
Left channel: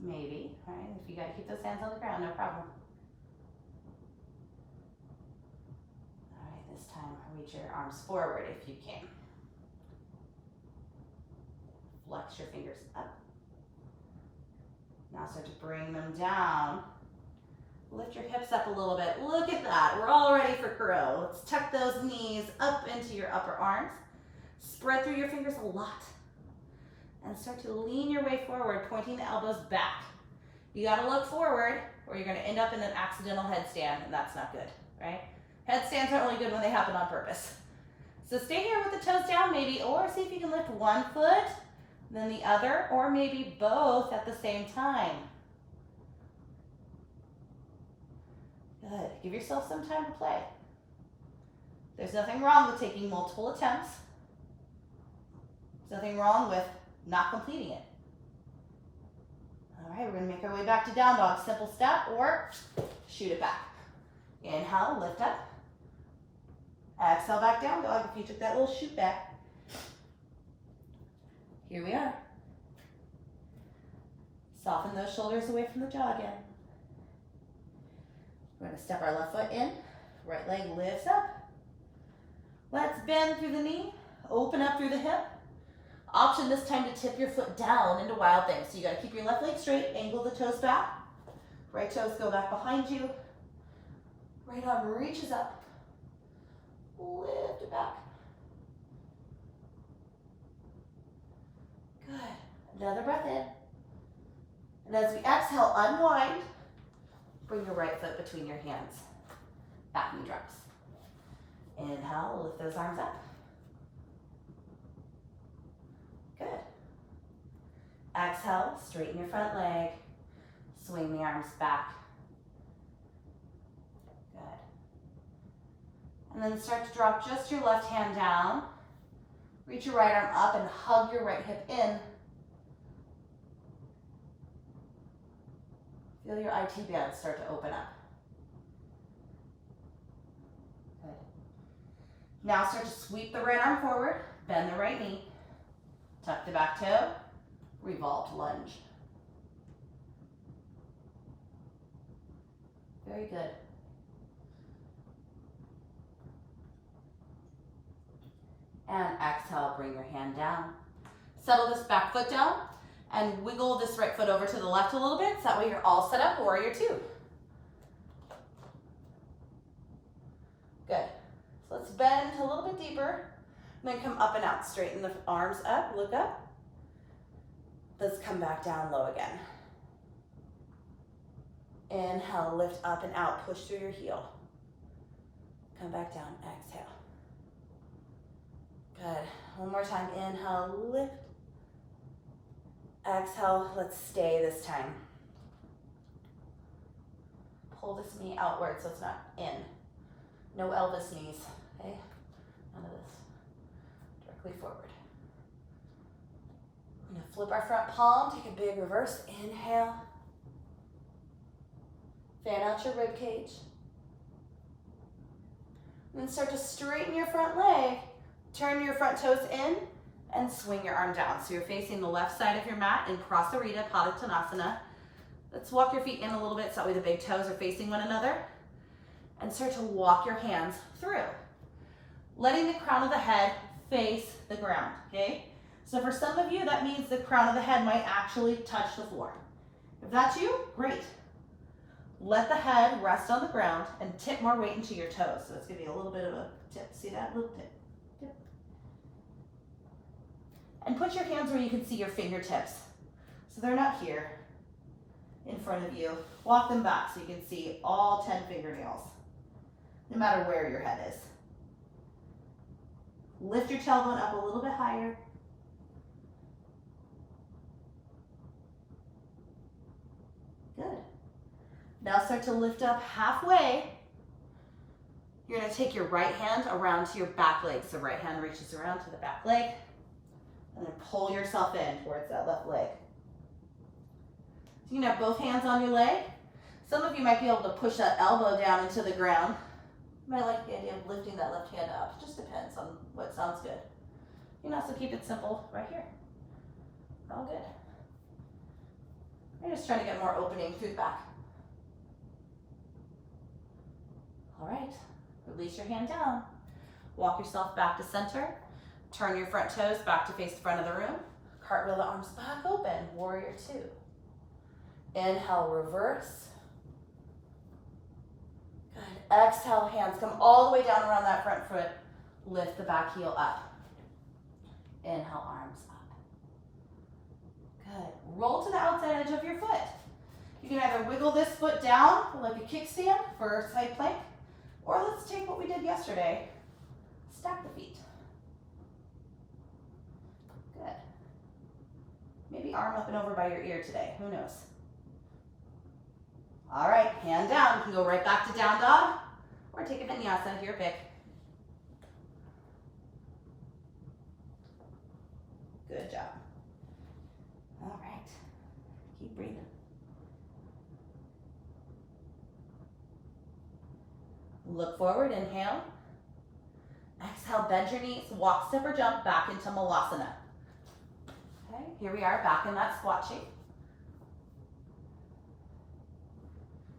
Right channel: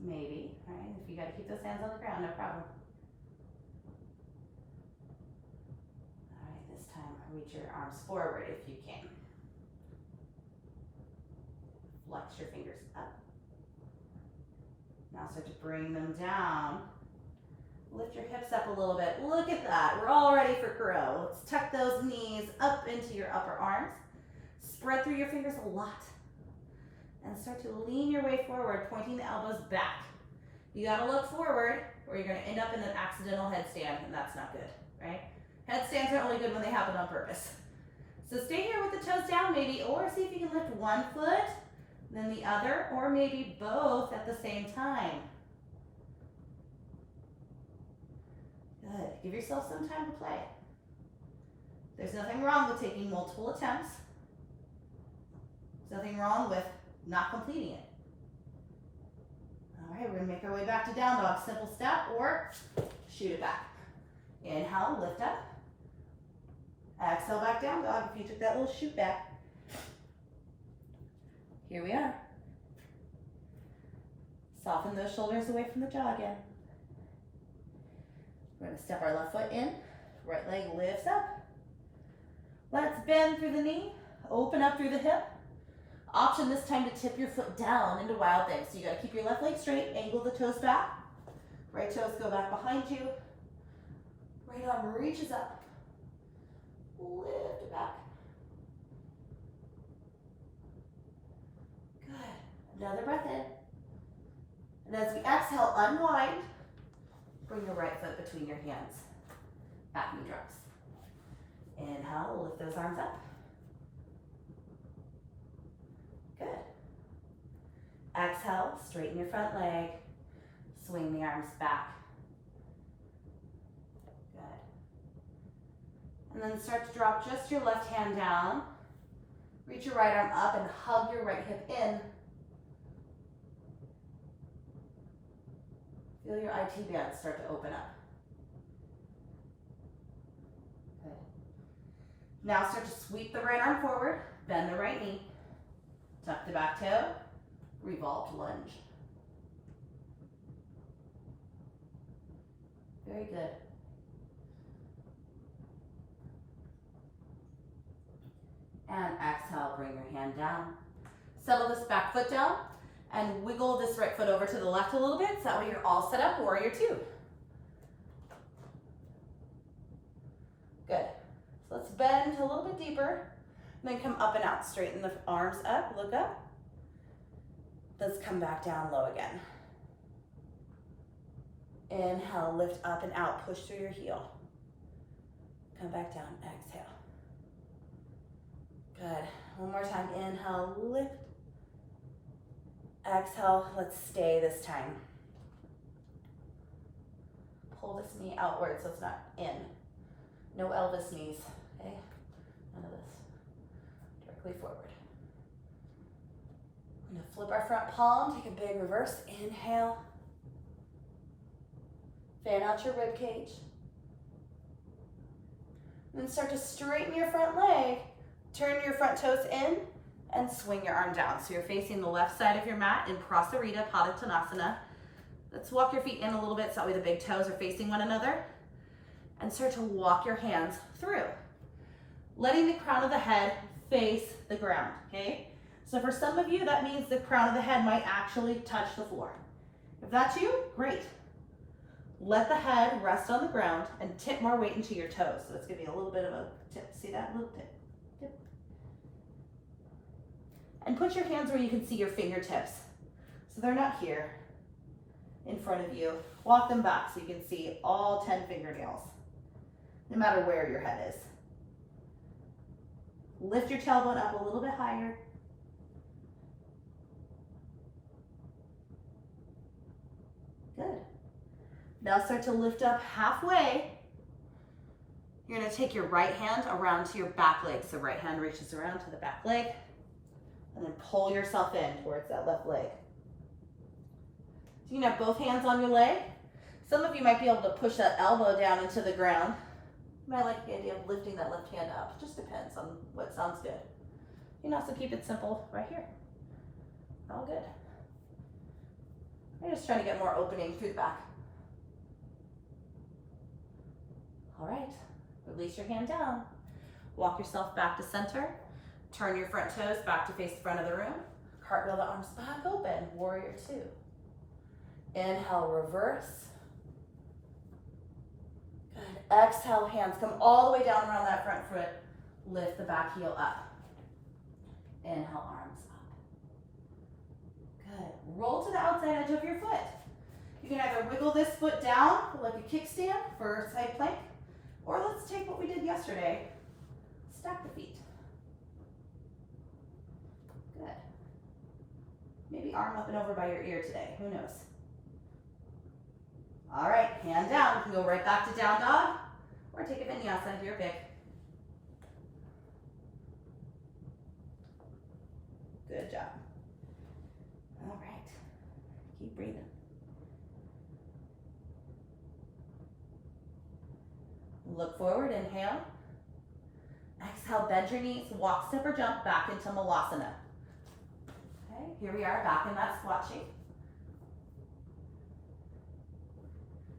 Maybe, right? If you got to keep those hands on the ground, no problem. All right, this time reach your arms forward if you can. Flex your fingers up. Now start to bring them down. Lift your hips up a little bit. Look at that. We're all ready for crow. Let's tuck those knees up into your upper arms. Spread through your fingers a lot. And start to lean your way forward, pointing the elbows back. You gotta look forward or you're gonna end up in an accidental headstand, and that's not good, right? Headstands are only good when they happen on purpose. So stay here with the toes down maybe, or see if you can lift one foot, then the other, or maybe both at the same time. Good, give yourself some time to play. There's nothing wrong with taking multiple attempts. There's nothing wrong with not completing it. All right, we're gonna make our way back to down dog. Simple step or shoot it back. Inhale, lift up. Exhale, back down dog if you took that little shoot back. Here we are. Soften those shoulders away from the jaw again. We're gonna step our left foot in, right leg lifts up. Let's bend through the knee, open up through the hip. Option this time to tip your foot down into wild thing. So you gotta keep your left leg straight, angle the toes back. Right toes go back behind you. Right arm reaches up. Lift it back. Good. Another breath in. And as we exhale, unwind. Bring your right foot between your hands. Back knee drops. Inhale, lift those arms up. Good. Exhale, straighten your front leg. Swing the arms back. Good. And then start to drop just your left hand down. Reach your right arm up and hug your right hip in. Feel your IT band start to open up. Good. Now start to sweep the right arm forward, bend the right knee, tuck the back toe, revolved lunge. Very good. And exhale, bring your hand down. Settle this back foot down. And wiggle this right foot over to the left a little bit, so that way you're all set up, warrior two. Good. So let's bend a little bit deeper, and then come up and out. Straighten the arms up, look up. Let's come back down low again. Inhale, lift up and out, push through your heel. Come back down, exhale. Good. One more time, inhale, lift. Exhale, let's stay this time. Pull this knee outward so it's not in. No Elvis knees, okay? None of this. Directly forward. We're gonna flip our front palm, take a big reverse. Inhale. Fan out your rib cage. And then start to straighten your front leg. Turn your front toes in. And swing your arm down. So you're facing the left side of your mat in Prasarita Padottanasana. Let's walk your feet in a little bit so that way the big toes are facing one another. And start to walk your hands through. Letting the crown of the head face the ground, okay? So for some of you, that means the crown of the head might actually touch the floor. If that's you, great. Let the head rest on the ground and tip more weight into your toes. So it's gonna be a little bit of a tip. See that? Little tip. And put your hands where you can see your fingertips. So they're not here in front of you. Walk them back so you can see all 10 fingernails, no matter where your head is. Lift your tailbone up a little bit higher. Good. Now start to lift up halfway. You're gonna take your right hand around to your back leg. So right hand reaches around to the back leg. And then pull yourself in towards that left leg. So you can have both hands on your leg. Some of you might be able to push that elbow down into the ground. You might like the idea of lifting that left hand up. It just depends on what sounds good. You can also keep it simple right here. All good. I'm just trying to get more opening through the back. All right, release your hand down. Walk yourself back to center. Turn your front toes back to face the front of the room. Cartwheel the arms back open, warrior two. Inhale, reverse. Good. Exhale, hands come all the way down around that front foot. Lift the back heel up. Inhale, arms up. Good. Roll to the outside edge of your foot. You can either wiggle this foot down like a kickstand for a side plank, or let's take what we did yesterday. Stack the feet. Good. Maybe arm up and over by your ear today. Who knows? All right, hand down. You can go right back to down dog or take a vinyasa, your pick. Good job. All right. Keep breathing. Look forward, inhale. Exhale, bend your knees, walk, step, or jump back into Malasana. Okay, here we are back in that squat shape.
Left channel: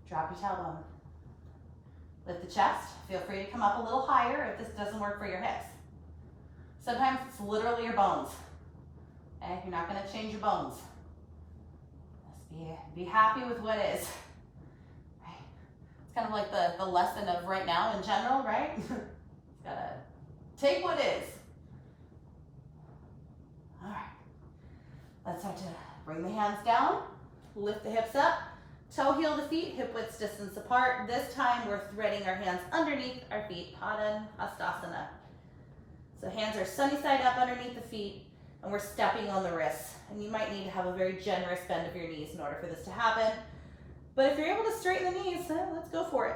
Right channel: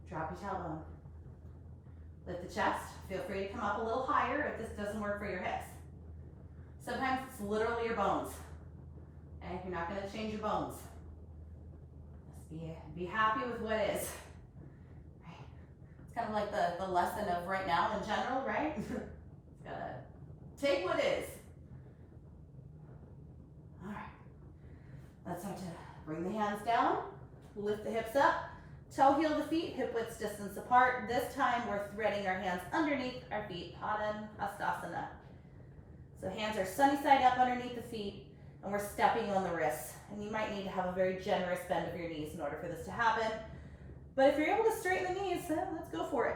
Drop your tailbone. Lift the chest. Feel free to come up a little higher if this doesn't work for your hips. Sometimes it's literally your bones. Okay, you're not going to change your bones. Just be happy with what is. Right? It's kind of like the lesson of right now in general, right? It's gotta take what is. All right. Let's start to bring the hands down, lift the hips up, toe heel the feet, hip width distance apart. This time we're threading our hands underneath our feet, Padangusthasana. So hands are sunny side up underneath the feet, and we're stepping on the wrists. And you might need to have a very generous bend of your knees in order for this to happen. But if you're able to straighten the knees, let's go for it.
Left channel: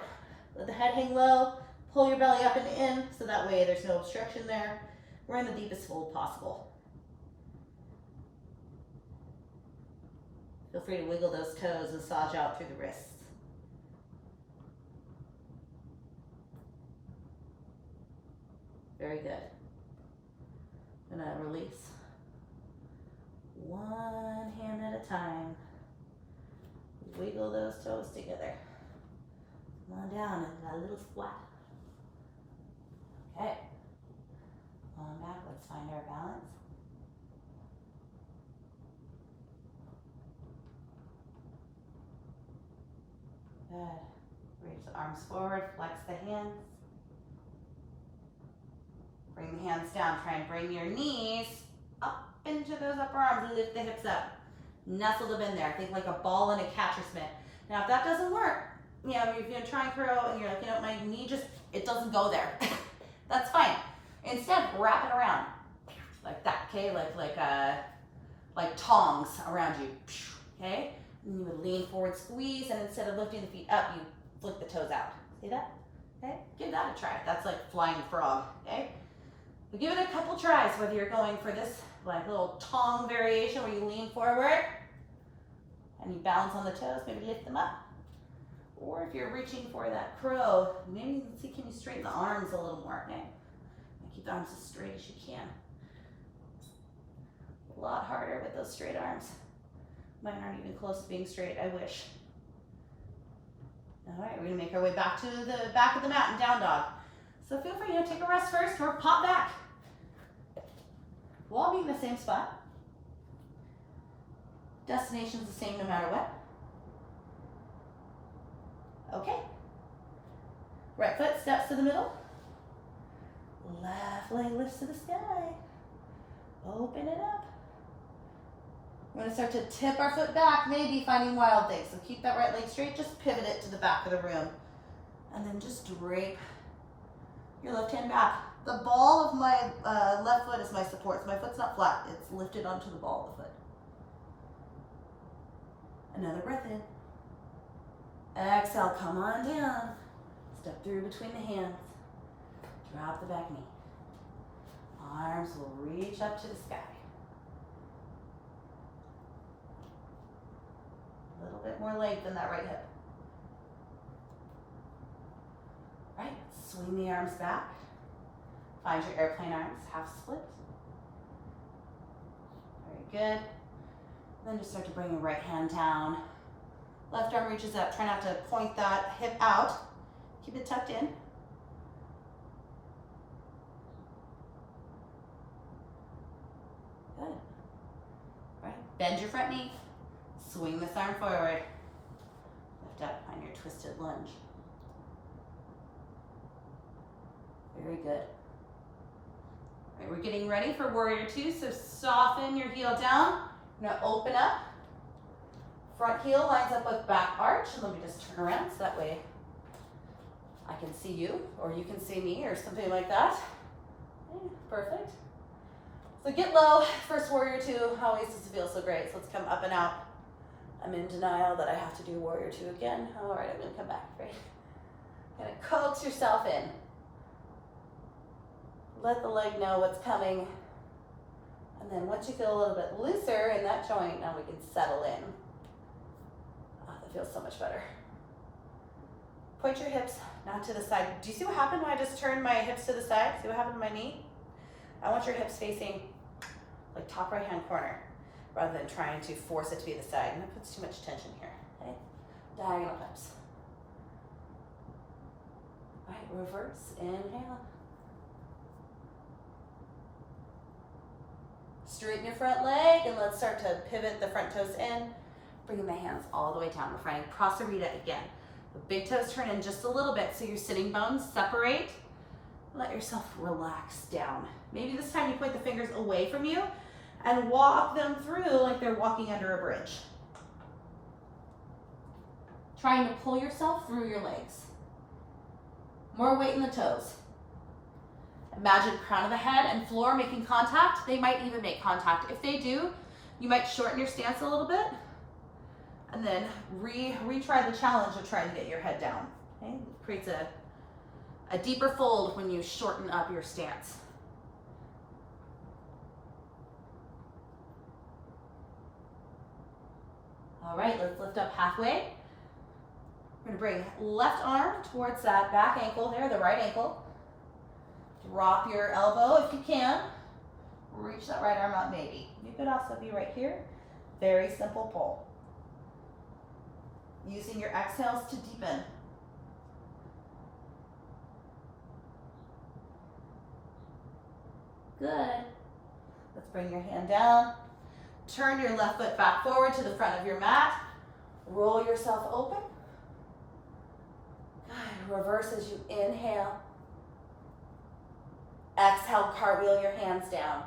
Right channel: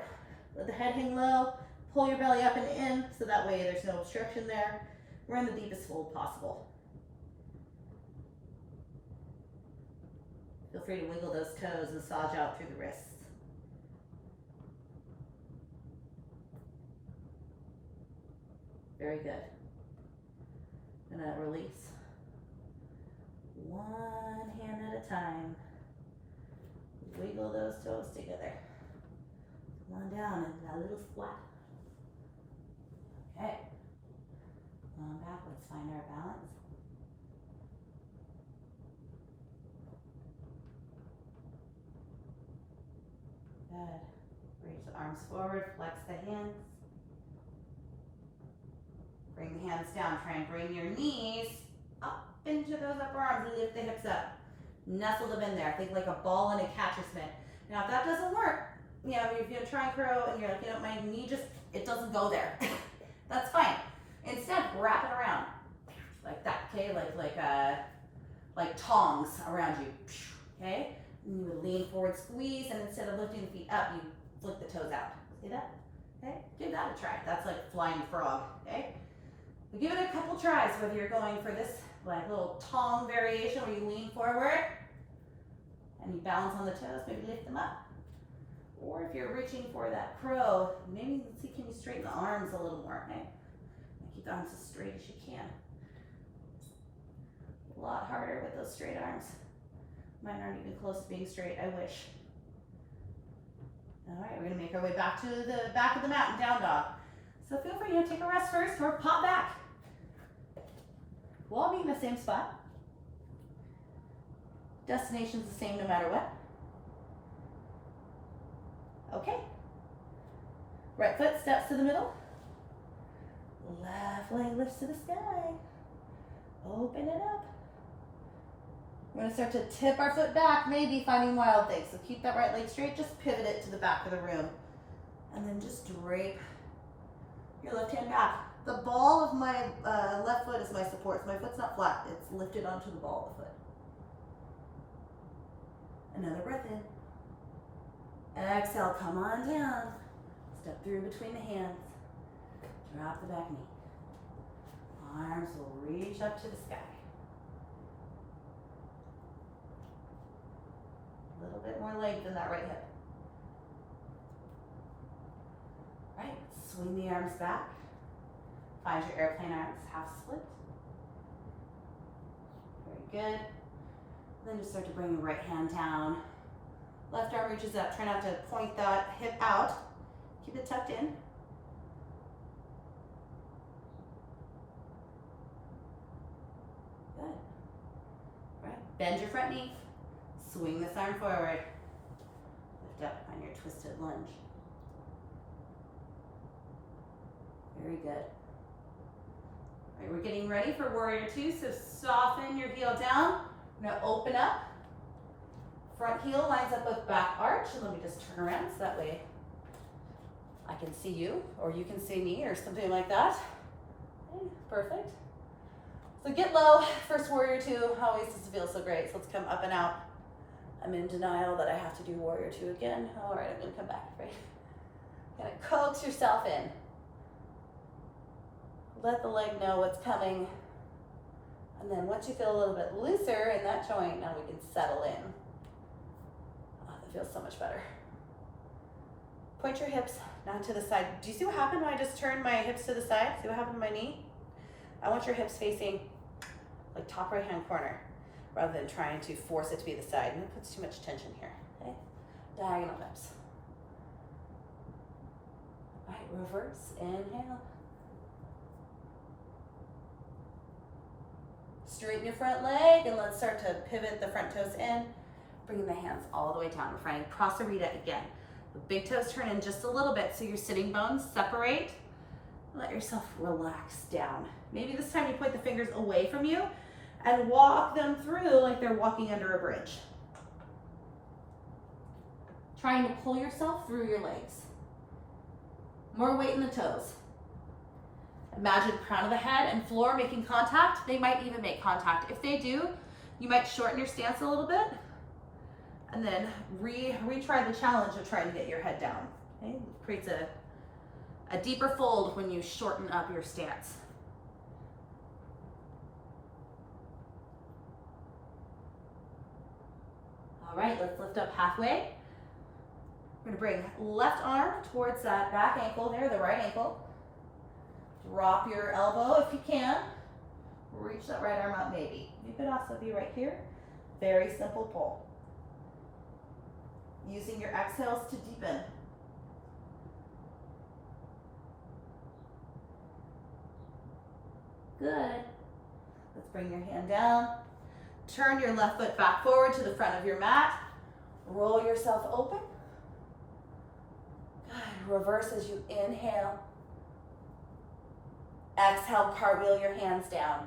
Let the head hang low, pull your belly up and in, so that way there's no obstruction there. We're in the deepest fold possible. Feel free to wiggle those toes, massage out through the wrists. Very good. I'm gonna release. One hand at a time. Wiggle those toes together. Come on down into that little squat. Okay. On back, let's find our balance. Good. Reach the arms forward, flex the hands. Bring the hands down. Try and bring your knees up into those upper arms. Lift the hips up. Nestle them in there. Think like a ball in a catcher's mitt. Now, if that doesn't work, you know, if you're trying to throw and you're like, you know, my knee just, it doesn't go there. That's fine. Instead, wrap it around like that, okay? Like tongs around you, okay? And you would lean forward, squeeze, and instead of lifting the feet up, you flick the toes out. See that? Okay? Give that a try. That's like flying frog, okay? But give it a couple tries, whether you're going for this like little tong variation where you lean forward and you balance on the toes, maybe lift them up. Or if you're reaching for that crow, maybe you can see, can you straighten the arms a little more, okay? And keep the arms as straight as you can. A lot harder with those straight arms. Mine aren't even close to being straight, I wish. All right, we're gonna make our way back to the back of the mat in down dog. So feel free to take a rest first or pop back. We'll all be in the same spot. Destination's the same no matter what. Okay. Right foot steps to the middle. Left leg lifts to the sky. Open it up. We're gonna start to tip our foot back, maybe finding wild things. So keep that right leg straight, just pivot it to the back of the room. And then just drape your left hand back. The ball of my left foot is my support, so my foot's not flat. It's lifted onto the ball of the foot. Another breath in. Exhale, come on down. Step through between the hands. Drop the back knee. Arms will reach up to the sky. A little bit more length in that right hip. Right, swing the arms back. Find your airplane arms, half split. Very good. Then just start to bring your right hand down. Left arm reaches up. Try not to point that hip out. Keep it tucked in. Good. Right. Bend your front knee. Swing this arm forward. Lift up on your twisted lunge. Very good. All right, we're getting ready for warrior two, so soften your heel down. Now open up. Front heel lines up with back arch, and let me just turn around so that way I can see you, or you can see me, or something like that. Okay, perfect. So get low. First warrior two always doesn't feel so great, so let's come up and out. I'm in denial that I have to do warrior two again. All right, I'm gonna come back, right? Gonna coax yourself in. Let the leg know what's coming. And then once you feel a little bit looser in that joint, now we can settle in. Oh, that feels so much better. Point your hips down to the side. Do you see what happened when I just turned my hips to the side? See what happened to my knee? I want your hips facing like top right hand corner rather than trying to force it to be the side. And it puts too much tension here. Okay? Diagonal hips. All right, reverse, inhale. Straighten your front leg and let's start to pivot the front toes in. Bringing the hands all the way down. We're finding Prasarita again. The big toes turn in just a little bit so your sitting bones separate. Let yourself relax down. Maybe this time you point the fingers away from you and walk them through like they're walking under a bridge. Trying to pull yourself through your legs. More weight in the toes. Imagine crown of the head and floor making contact. They might even make contact. If they do, you might shorten your stance a little bit and then retry the challenge of trying to get your head down. Okay? It creates a deeper fold when you shorten up your stance. All right, let's lift up halfway. We're gonna bring left arm towards that back ankle there, the right ankle. Drop your elbow if you can. Reach that right arm up maybe. You could also be right here. Very simple pull. Using your exhales to deepen. Good. Let's bring your hand down. Turn your left foot back forward to the front of your mat. Roll yourself open. Good. Reverse as you inhale. Exhale, cartwheel your hands down.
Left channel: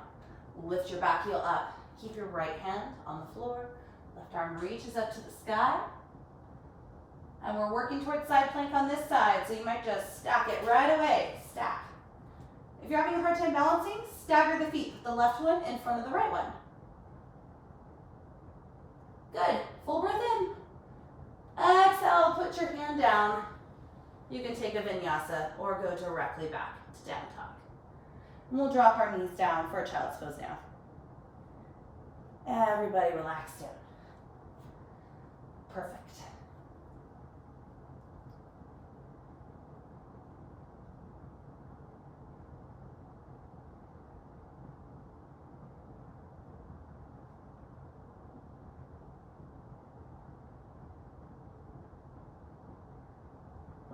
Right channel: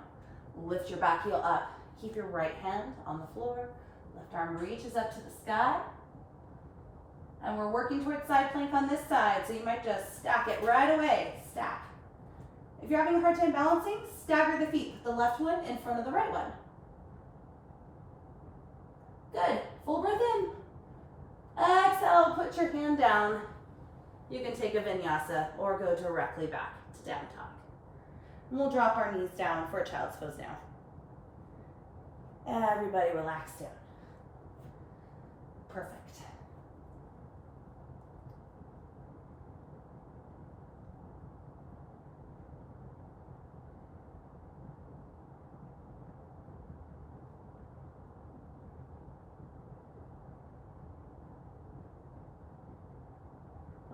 Lift your back heel up. Keep your right hand on the floor. Left arm reaches up to the sky. And we're working towards side plank on this side, so you might just stack it right away. Stack. If you're having a hard time balancing, stagger the feet. Put the left one in front of the right one. Good. Full breath in. Exhale, put your hand down. You can take a vinyasa or go directly back to down dog. And we'll drop our knees down for a child's pose now. Everybody relax down. Perfect.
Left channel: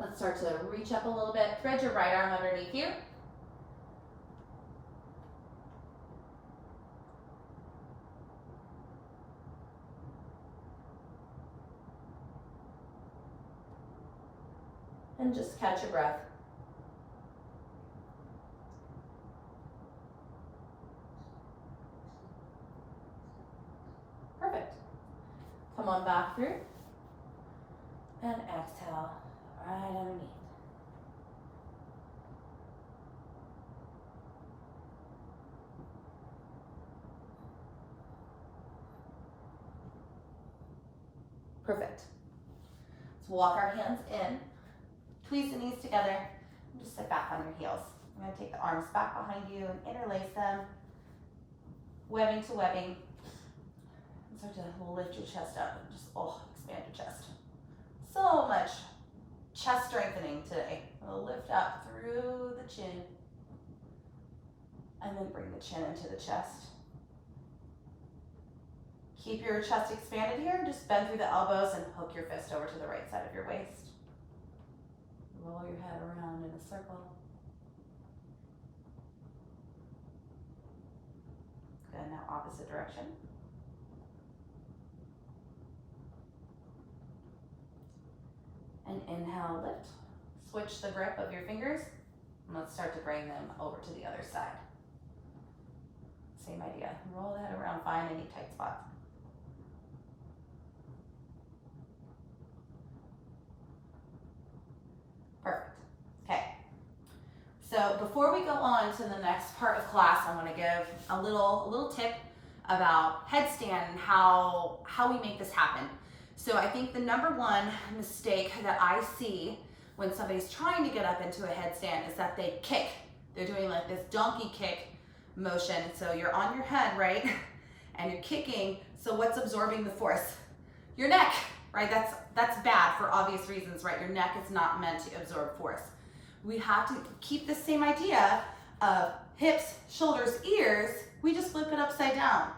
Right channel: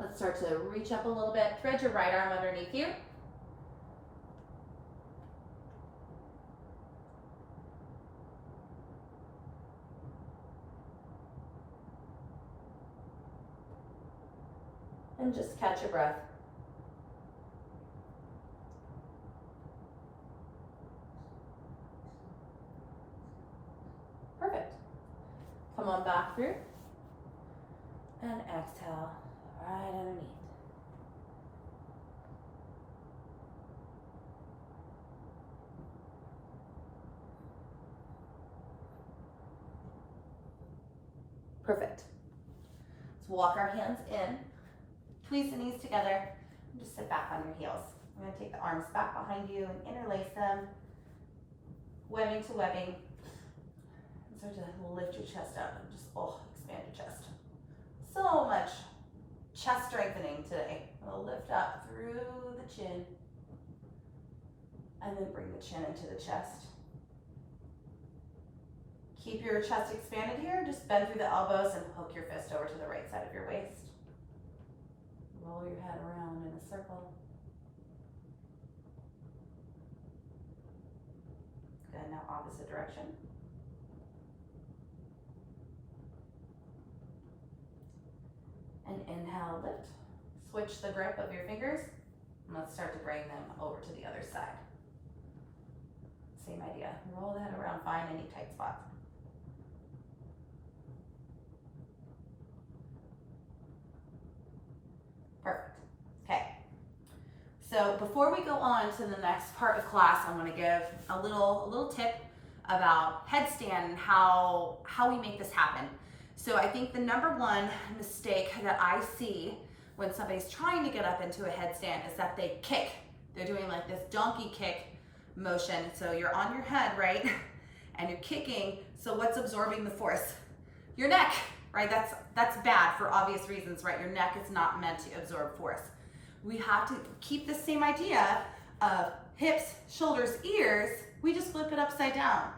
Let's start to reach up a little bit. Thread your right arm underneath you. And just catch your breath. Perfect. Come on back through. And exhale right underneath. Perfect. Let's walk our hands in. Tweeze the knees together and just sit back on your heels. I'm going to take the arms back behind you and interlace them, webbing to webbing. And start to lift your chest up and just expand your chest. So much chest strengthening today. We'll lift up through the chin and then bring the chin into the chest. Keep your chest expanded here. Just bend through the elbows and hook your fist over to the right side of your waist. Roll your head around in a circle. Good, now opposite direction. And inhale, lift. Switch the grip of your fingers. And let's start to bring them over to the other side. Same idea. Roll the head around, find any tight spots. Perfect. Okay. So before we go on to the next part of class, I want to give a little tip about headstand and how we make this happen. So I think the number one mistake that I see when somebody's trying to get up into a headstand is that they kick. They're doing like this donkey kick motion. So you're on your head, right? And you're kicking. So what's absorbing the force? Your neck, right? That's bad for obvious reasons, right? Your neck is not meant to absorb force. We have to keep the same idea of hips, shoulders, ears. We just flip it upside down.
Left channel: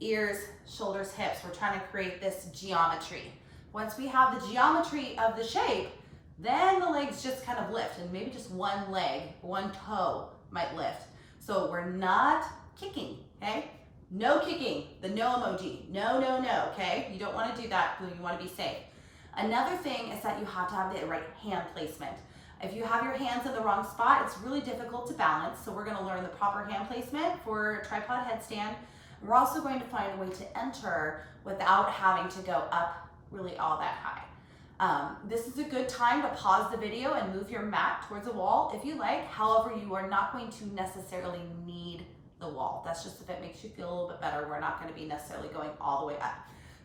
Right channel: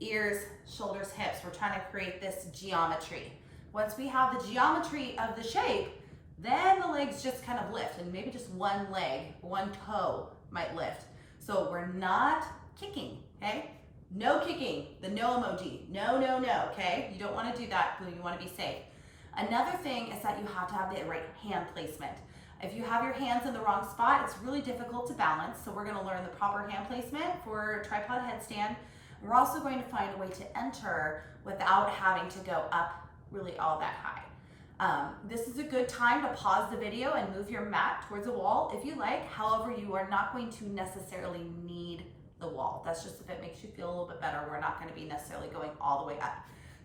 Ears, shoulders, hips. We're trying to create this geometry. Once we have the geometry of the shape, then the legs just kind of lift, and maybe just one leg, one toe might lift. So we're not kicking, okay? No kicking, the no emoji. No, no, no, okay? You don't want to do that. You want to be safe. Another thing is that you have to have the right hand placement. If you have your hands in the wrong spot, it's really difficult to balance. So we're going to learn the proper hand placement for tripod headstand. We're also going to find a way to enter without having to go up really all that high. This is a good time to pause the video and move your mat towards the wall if you like. However, you are not going to necessarily need the wall. That's just if it makes you feel a little bit better. We're not going to be necessarily going all the way up.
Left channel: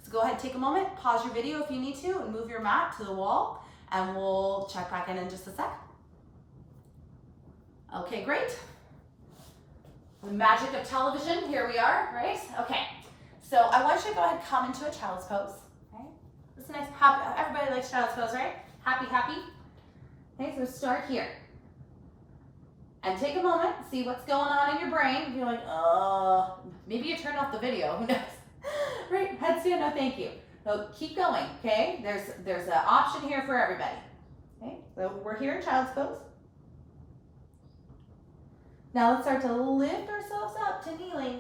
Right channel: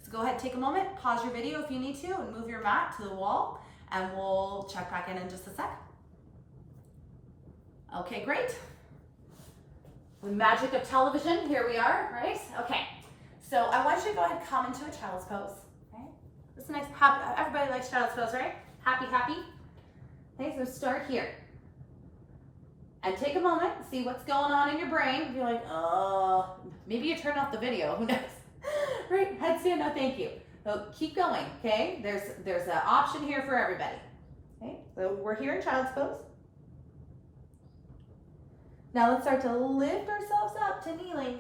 So go ahead, take a moment, pause your video if you need to, and move your mat to the wall, and we'll check back in just a sec. Okay, great. The magic of television, here we are, right? Okay, so I want you to go ahead and come into a child's pose. This is nice, happy, everybody likes child's pose, right? Happy, happy. Okay, so start here. And take a moment, see what's going on in your brain. If you're like, oh, maybe you turned off the video, who knows? Right, headstand, no thank you. So keep going, okay? There's an option here for everybody. Okay, so we're here in child's pose. Now let's start to lift ourselves up to kneeling.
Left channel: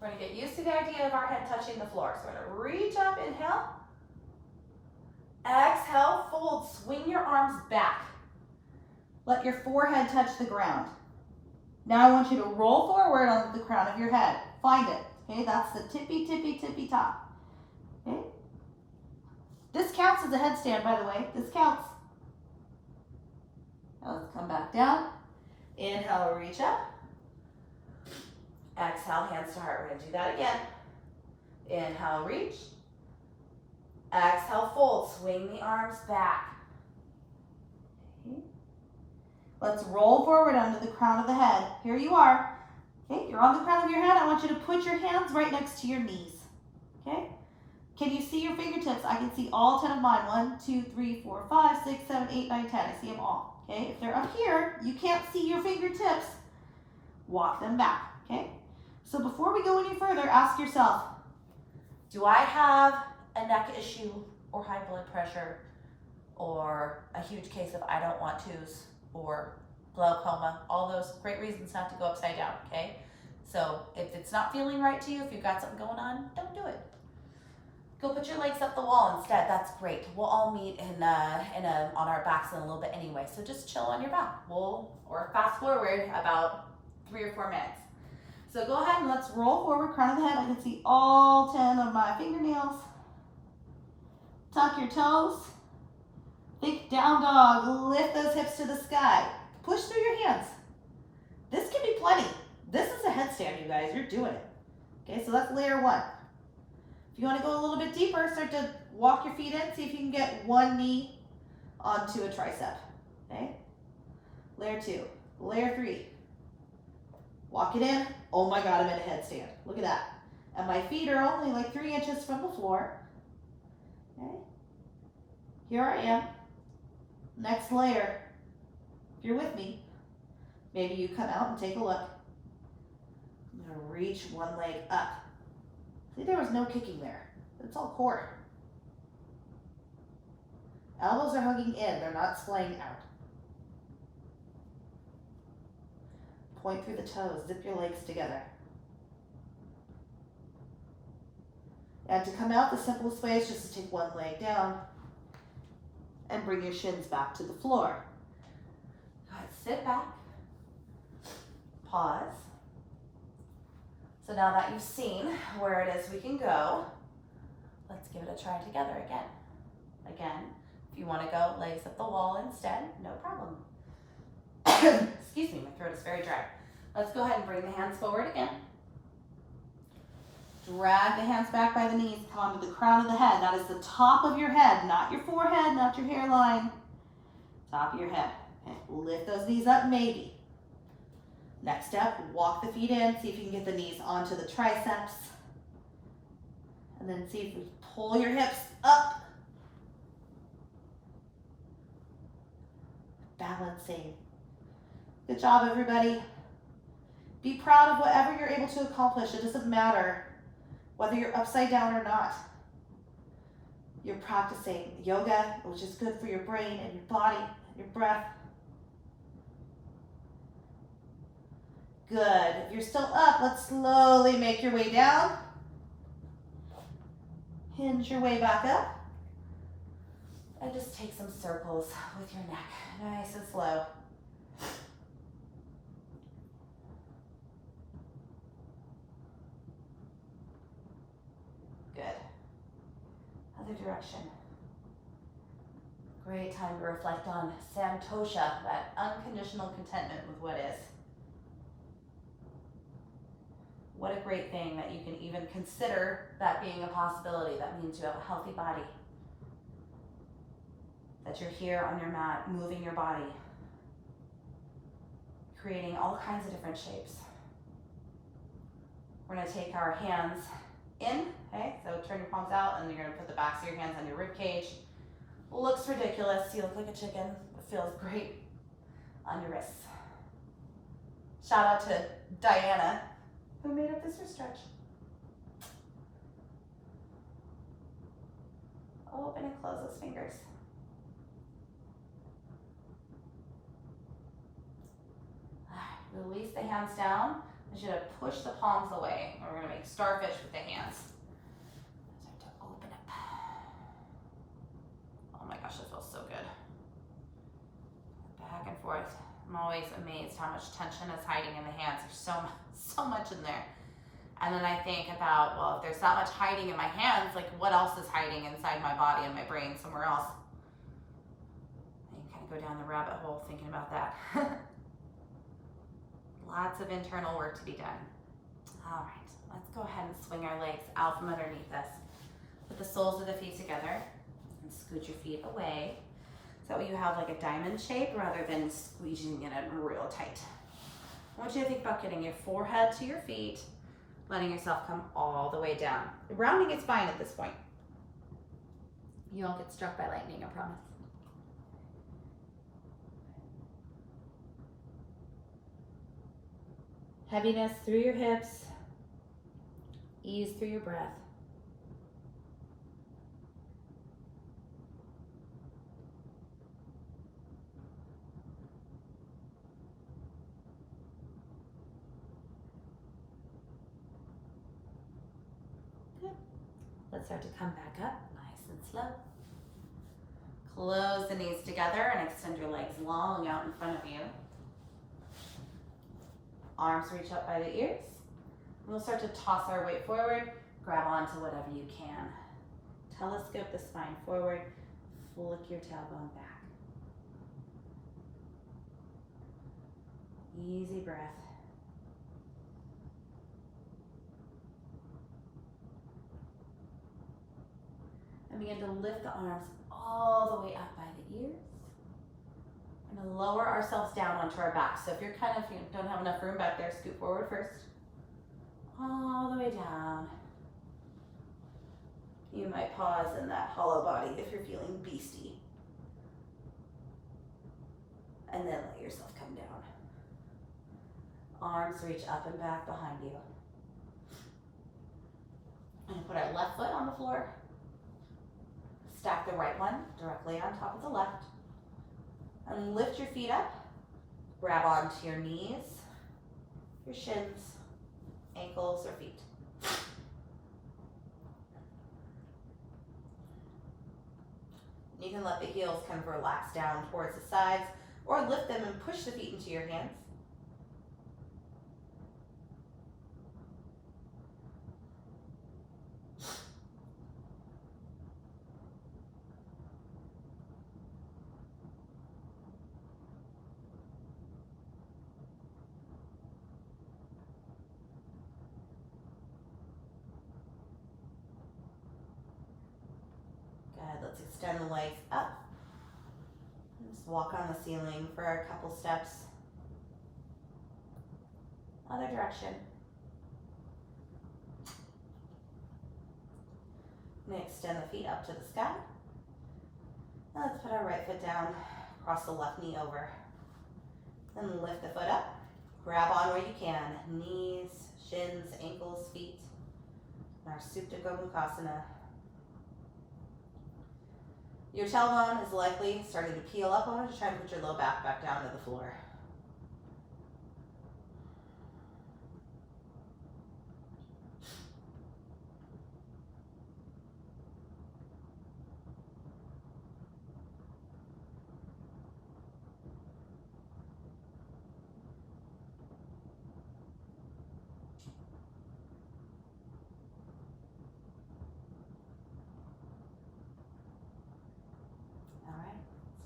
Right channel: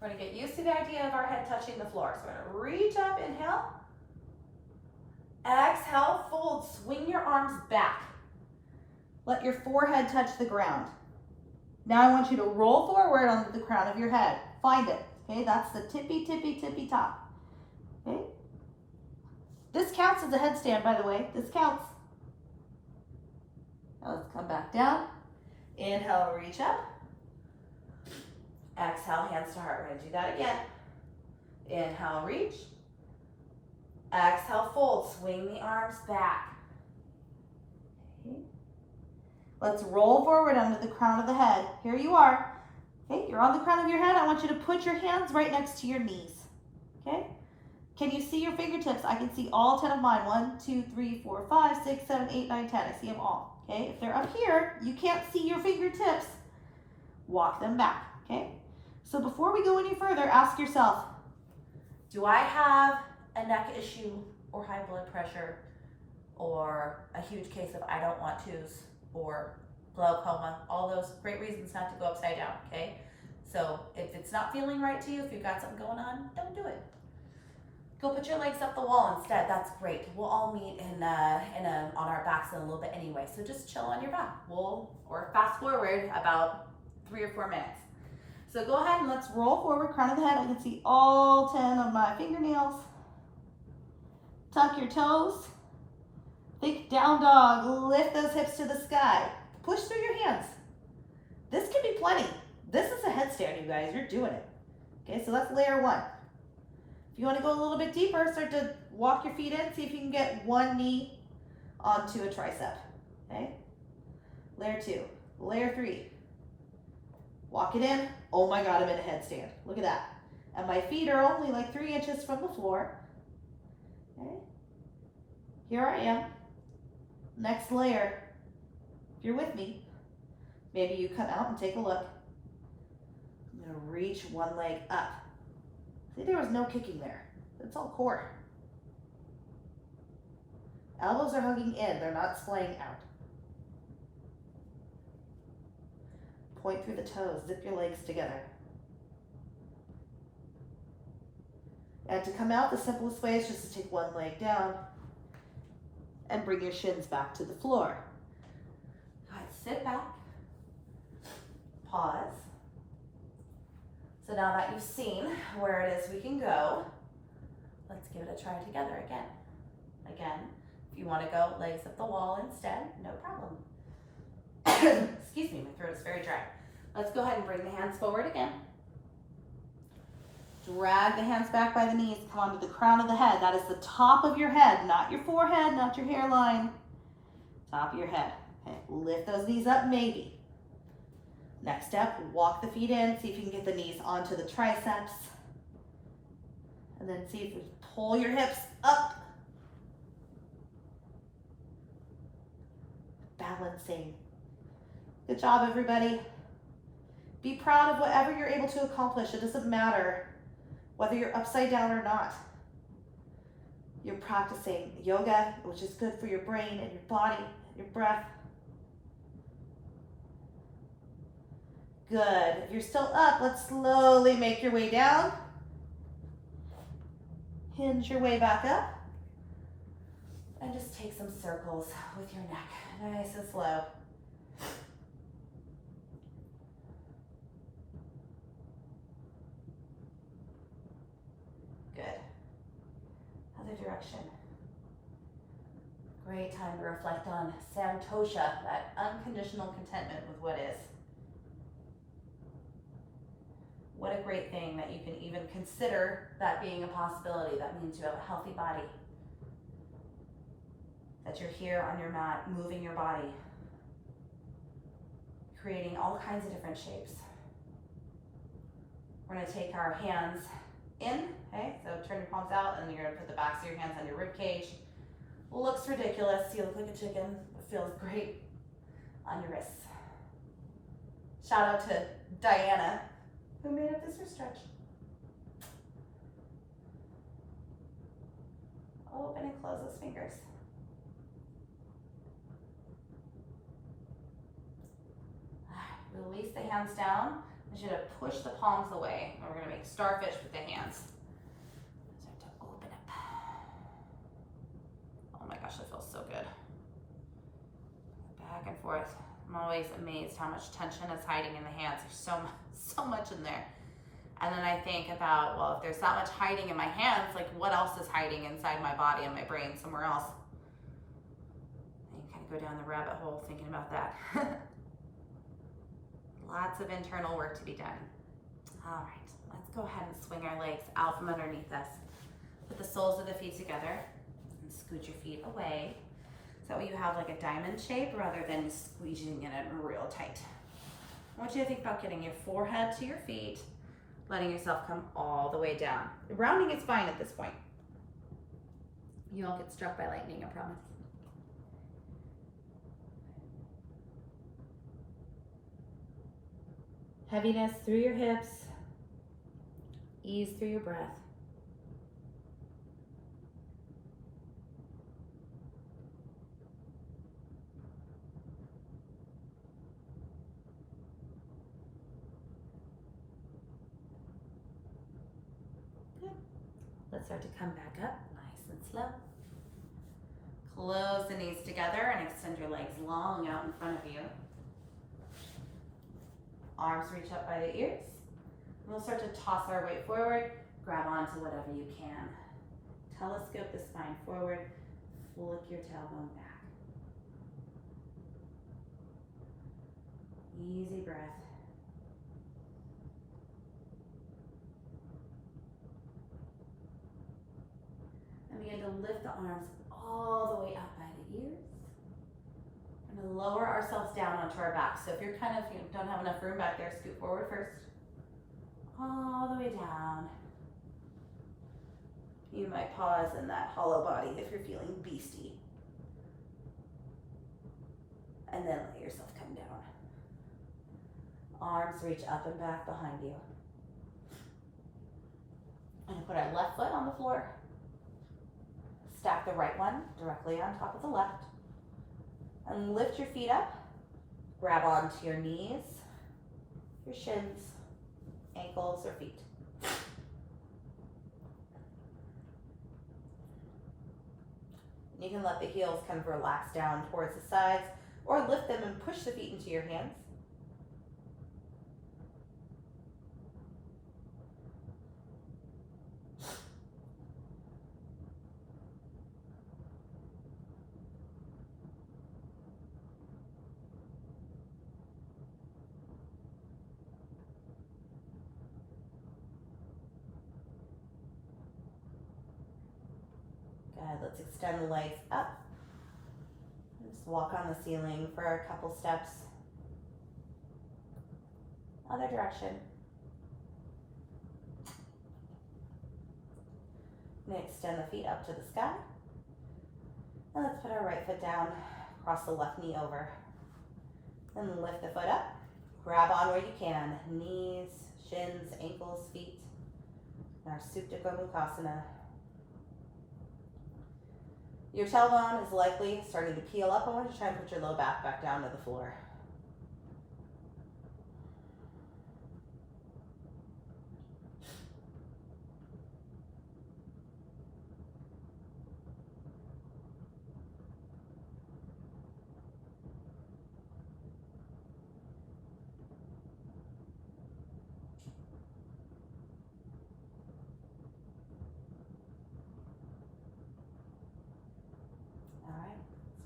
We're gonna get used to the idea of our head touching the floor. So we're gonna reach up, inhale. Exhale, fold, swing your arms back. Let your forehead touch the ground. Now I want you to roll forward onto the crown of your head. Find it, okay? That's the tippy, tippy, tippy top, okay? This counts as a headstand, by the way. This counts. Now let's come back down. Inhale, reach up. Exhale, hands to heart. We're gonna do that again. Inhale, reach. Exhale, fold, swing the arms back. Okay. Let's roll forward under the crown of the head. Here you are. Okay, you're on the crown of your head. I want you to put your hands right next to your knees. Okay? Can you see your fingertips? I can see all 10 of mine. 1, 2, 3, 4, 5, 6, 7, 8, 9, 10. I see them all. Okay? If they're up here, you can't see your fingertips. Walk them back. Okay? So before we go any further, ask yourself, do I have a neck issue or high blood pressure or a huge case of I don't want to's or glaucoma? All those great reasons not to go upside down, okay? So if it's not feeling right to you, if you've got something going on, don't do it. Go put your legs up the wall instead. That's great. We'll all meet on our backs in a little bit anyway. So just chill on your back. Or fast forward about 3 or 4 minutes. So go ahead and let's roll forward, crown of the head. I can see all 10 of my fingernails. Tuck your toes. Think down dog. Lift those hips to the sky. Push through your hands. This can be plenty. This is a headstand, you guys. You're doing it. Okay, so that's layer 1. If you want to go a little bit deeper, start to walk your feet in. See if you can get one knee onto a tricep. Okay? Layer 2. Layer 3. Walk it in. Oh my God, I'm in a headstand. Look at that. And my feet are only like 3 inches from the floor. Okay? Here I am. Next layer. If you're with me, maybe you come out and take a look. I'm going to reach one leg up. See, there was no kicking there. It's all core. Elbows are hugging in. They're not splaying out. Point through the toes. Zip your legs together. And to come out, the simplest way is just to take one leg down and bring your shins back to the floor. Go ahead, sit back. Pause. So now that you've seen where it is we can go, let's give it a try together again. Again, if you want to go legs up the wall instead, no problem. Excuse me, my throat is very dry. Let's go ahead and bring the hands forward again. Drag the hands back by the knees. Come onto the crown of the head. That is the top of your head, not your forehead, not your hairline. Top of your head. Okay. Lift those knees up, maybe. Next step, walk the feet in, see if you can get the knees onto the triceps. And then see if you pull your hips up. Balancing. Good job, everybody. Be proud of whatever you're able to accomplish. It doesn't matter whether you're upside down or not. You're practicing yoga, which is good for your brain and your body, and your breath. Good. If you're still up, let's slowly make your way down. Hinge your way back up. And just take some circles with your neck, nice and slow. Good. Other direction. Great time to reflect on santosha, that unconditional contentment with what is. What a great thing that you can even consider that being a possibility. That means you have a healthy body. That you're here on your mat, moving your body, creating all kinds of different shapes. We're gonna take our hands in, okay? So turn your palms out and you're gonna put the backs of your hands on your rib cage. Looks ridiculous, you look like a chicken, but feels great on your wrists. Shout out to Diana, who made up this stretch. Open and close those fingers. Release the hands down. I should have pushed the palms away. We're going to make starfish with the hands. Start to open up. Oh my gosh, that feels so good. Back and forth. I'm always amazed how much tension is hiding in the hands. There's so much in there. And then I think about, well, if there's that much hiding in my hands, like what else is hiding inside my body and my brain somewhere else? And you kind of go down the rabbit hole thinking about that. Lots of internal work to be done. All right, let's go ahead and swing our legs out from underneath us. Put the soles of the feet together and scoot your feet away. So that way you have like a diamond shape rather than squeezing it in real tight. I want you to think about getting your forehead to your feet, letting yourself come all the way down. Rounding is fine at this point. You won't get struck by lightning, I promise. Heaviness through your hips, ease through your breath. Good. Let's start to come back up, nice and slow. Close the knees together and extend your legs long out in front of you. Arms reach up by the ears. And we'll start to toss our weight forward, grab onto whatever you can. Telescope the spine forward, flick your tailbone back. Easy breath. And begin to lift the arms all the way up by the ears. And lower ourselves down onto our back. So if you're kind of, don't have enough room back there, scoot forward first. All the way down. You might pause in that hollow body if you're feeling beastie. And then let yourself come down. Arms reach up and back behind you. And put our left foot on the floor. Stack the right one directly on top of the left. And lift your feet up, grab onto your knees, your shins, ankles, or feet. You can let the heels kind of relax down towards the sides or lift them and push the feet into your hands. Let's extend the legs up. Just walk on the ceiling for a couple steps. Other direction. I'm going to extend the feet up to the sky. Now let's put our right foot down, cross the left knee over. Then lift the foot up. Grab on where you can. Knees, shins, ankles, feet. Our Supta Gomukhasana. Your tailbone is likely starting to peel up. I want you to try and put your low back down to the floor.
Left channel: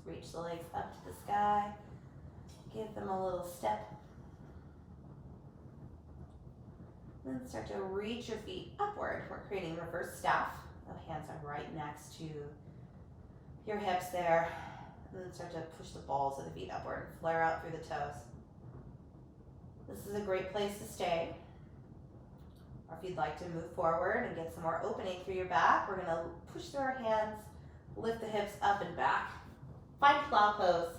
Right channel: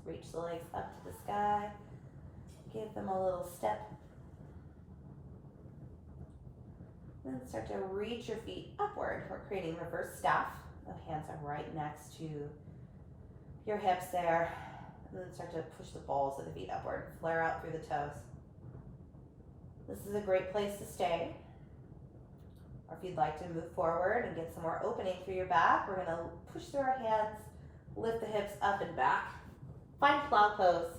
Reach the legs up to the sky. Give them a little step. Then start to reach your feet upward. We're creating reverse staff. The hands are right next to your hips there. And then start to push the balls of the feet upward. Flare out through the toes. This is a great place to stay. Or if you'd like to move forward and get some more opening through your back, we're going to push through our hands, lift the hips up and back. Find plow pose.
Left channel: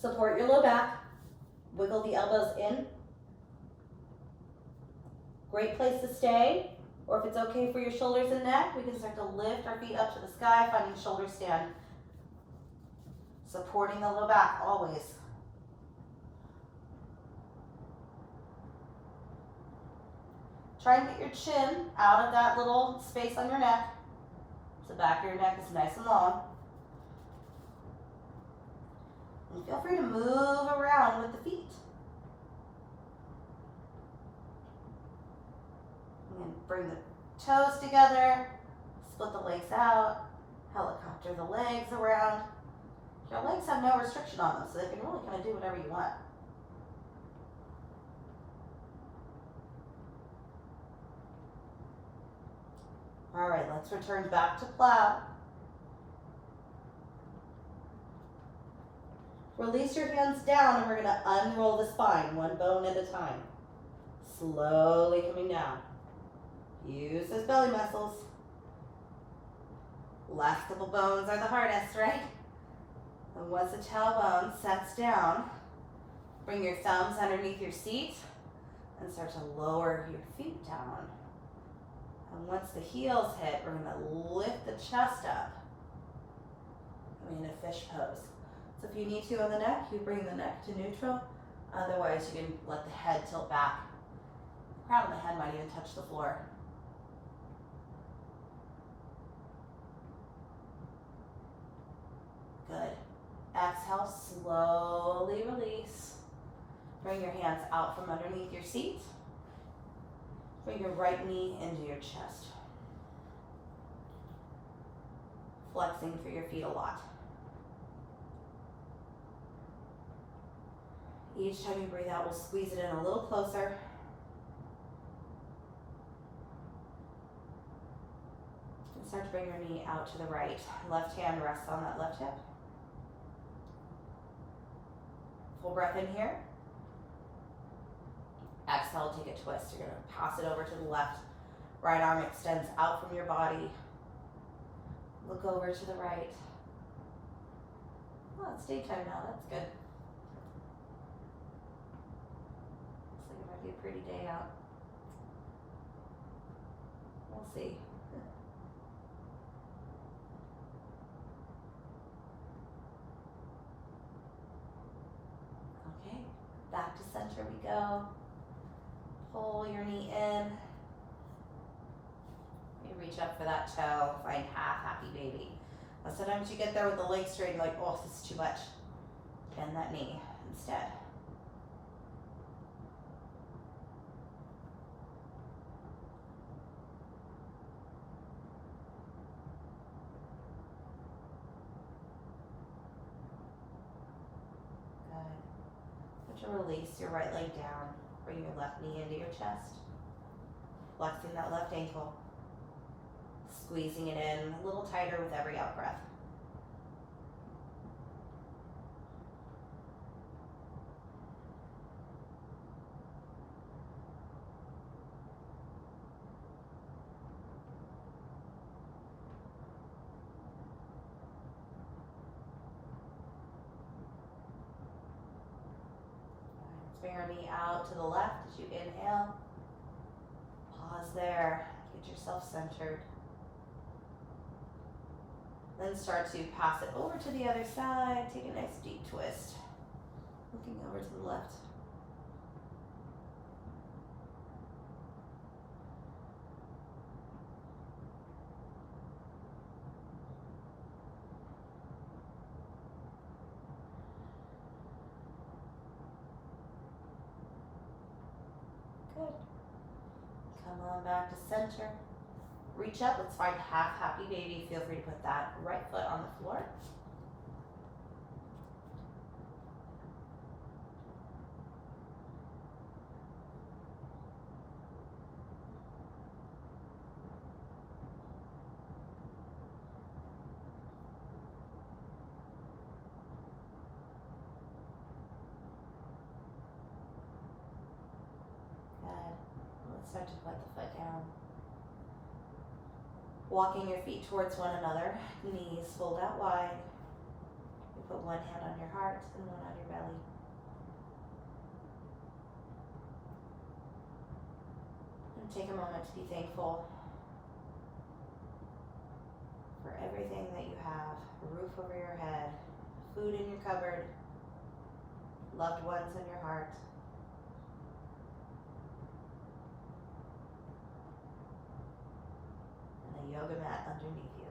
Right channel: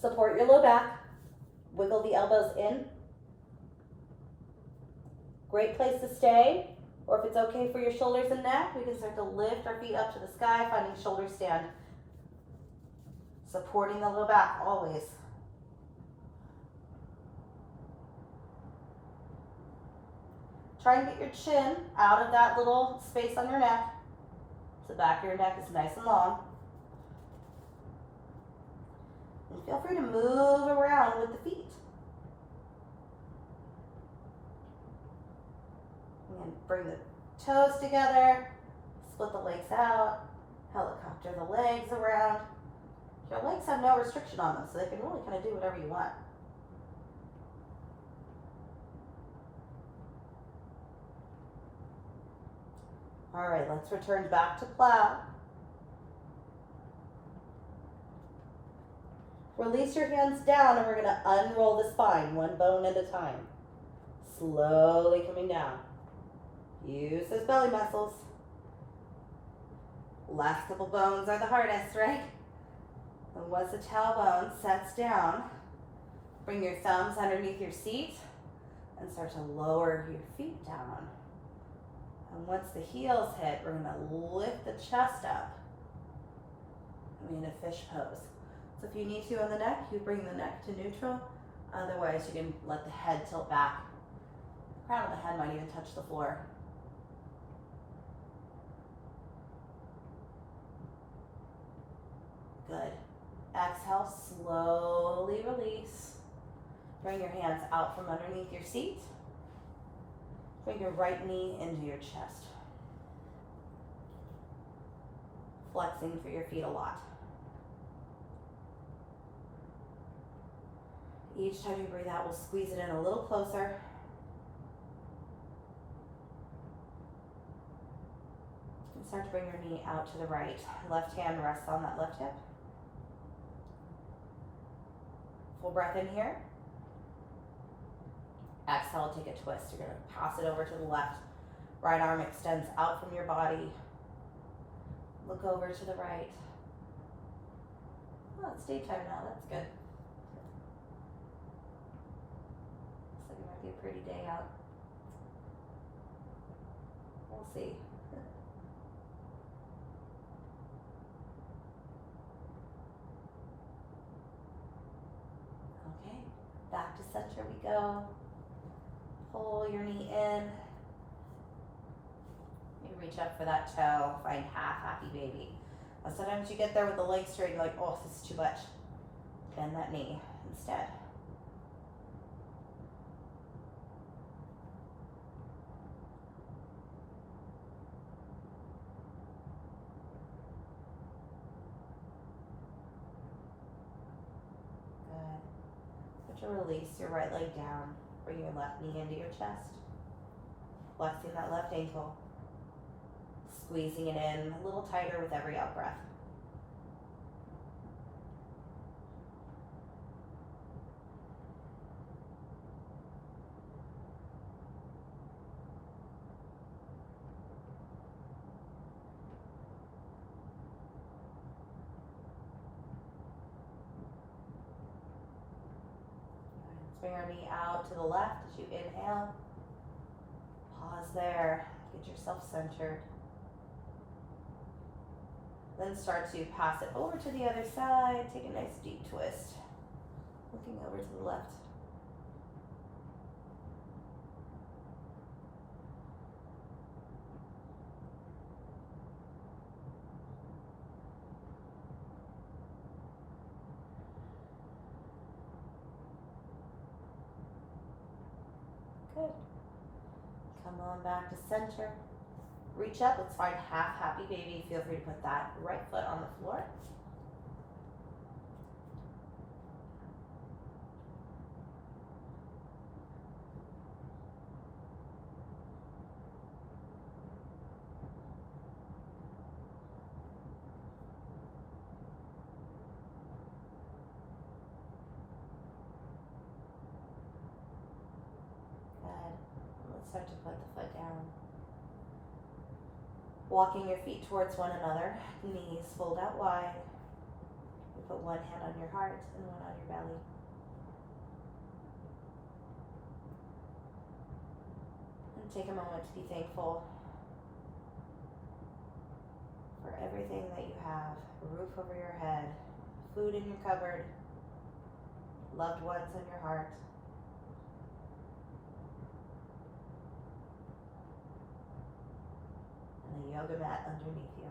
Support your low back. Wiggle the elbows in. Great place to stay. Or if it's okay for your shoulders and neck, we can start to lift our feet up to the sky, finding shoulder stand. Supporting the low back always. Try and get your chin out of that little space on your neck. The back of your neck is nice and long. And feel free to move around with the feet. And bring the toes together, split the legs out, helicopter the legs around. Your legs have no restriction on them, so they can really kind of do whatever you want. All right, let's return back to plow. Release your hands down and we're going to unroll the spine, one bone at a time. Slowly coming down. Use those belly muscles. Last couple bones are the hardest, right? And once the tailbone sets down, bring your thumbs underneath your seat and start to lower your feet down. And once the heels hit, we're going to lift the chest up. I'm in a fish pose. So if you need to on the neck, you bring the neck to neutral. Otherwise, you can let the head tilt back. The crown of the head might even touch the floor. Good. Exhale, slowly release. Bring your hands out from underneath your seat. Bring your right knee into your chest. Flexing through your feet a lot. Each time you breathe out, we'll squeeze it in a little closer. And start to bring your knee out to the right. Left hand rests on that left hip. Full breath in here. Exhale, take a twist. You're going to pass it over to the left. Right arm extends out from your body. Look over to the right. Oh, it's daytime now. That's good. Looks like it might be a pretty day out. We'll see. Okay, back to center we go. Pull your knee in. You reach up for that toe. Find half happy baby. Now sometimes you get there with the legs straight and like, oh, this is too much. Bend that knee instead. Good. Start to release your right leg down. Bring your left knee into your chest. Flexing that left ankle. Squeezing it in a little tighter with every out breath. Bring your knee out to the left as you inhale. Pause there. Get yourself centered. Then start to pass it over to the other side. Take a nice deep twist. Looking over to the left. Good. Come on back to center. Reach up. Let's find half happy baby. Feel free to put that right foot on the floor. Start to put the foot down. Walking your feet towards one another, knees fold out wide. You put one hand on your heart and one on your belly. And take a moment to be thankful for everything that you have. A roof over your head, food in your cupboard, loved ones in your heart. Yoga mat underneath you.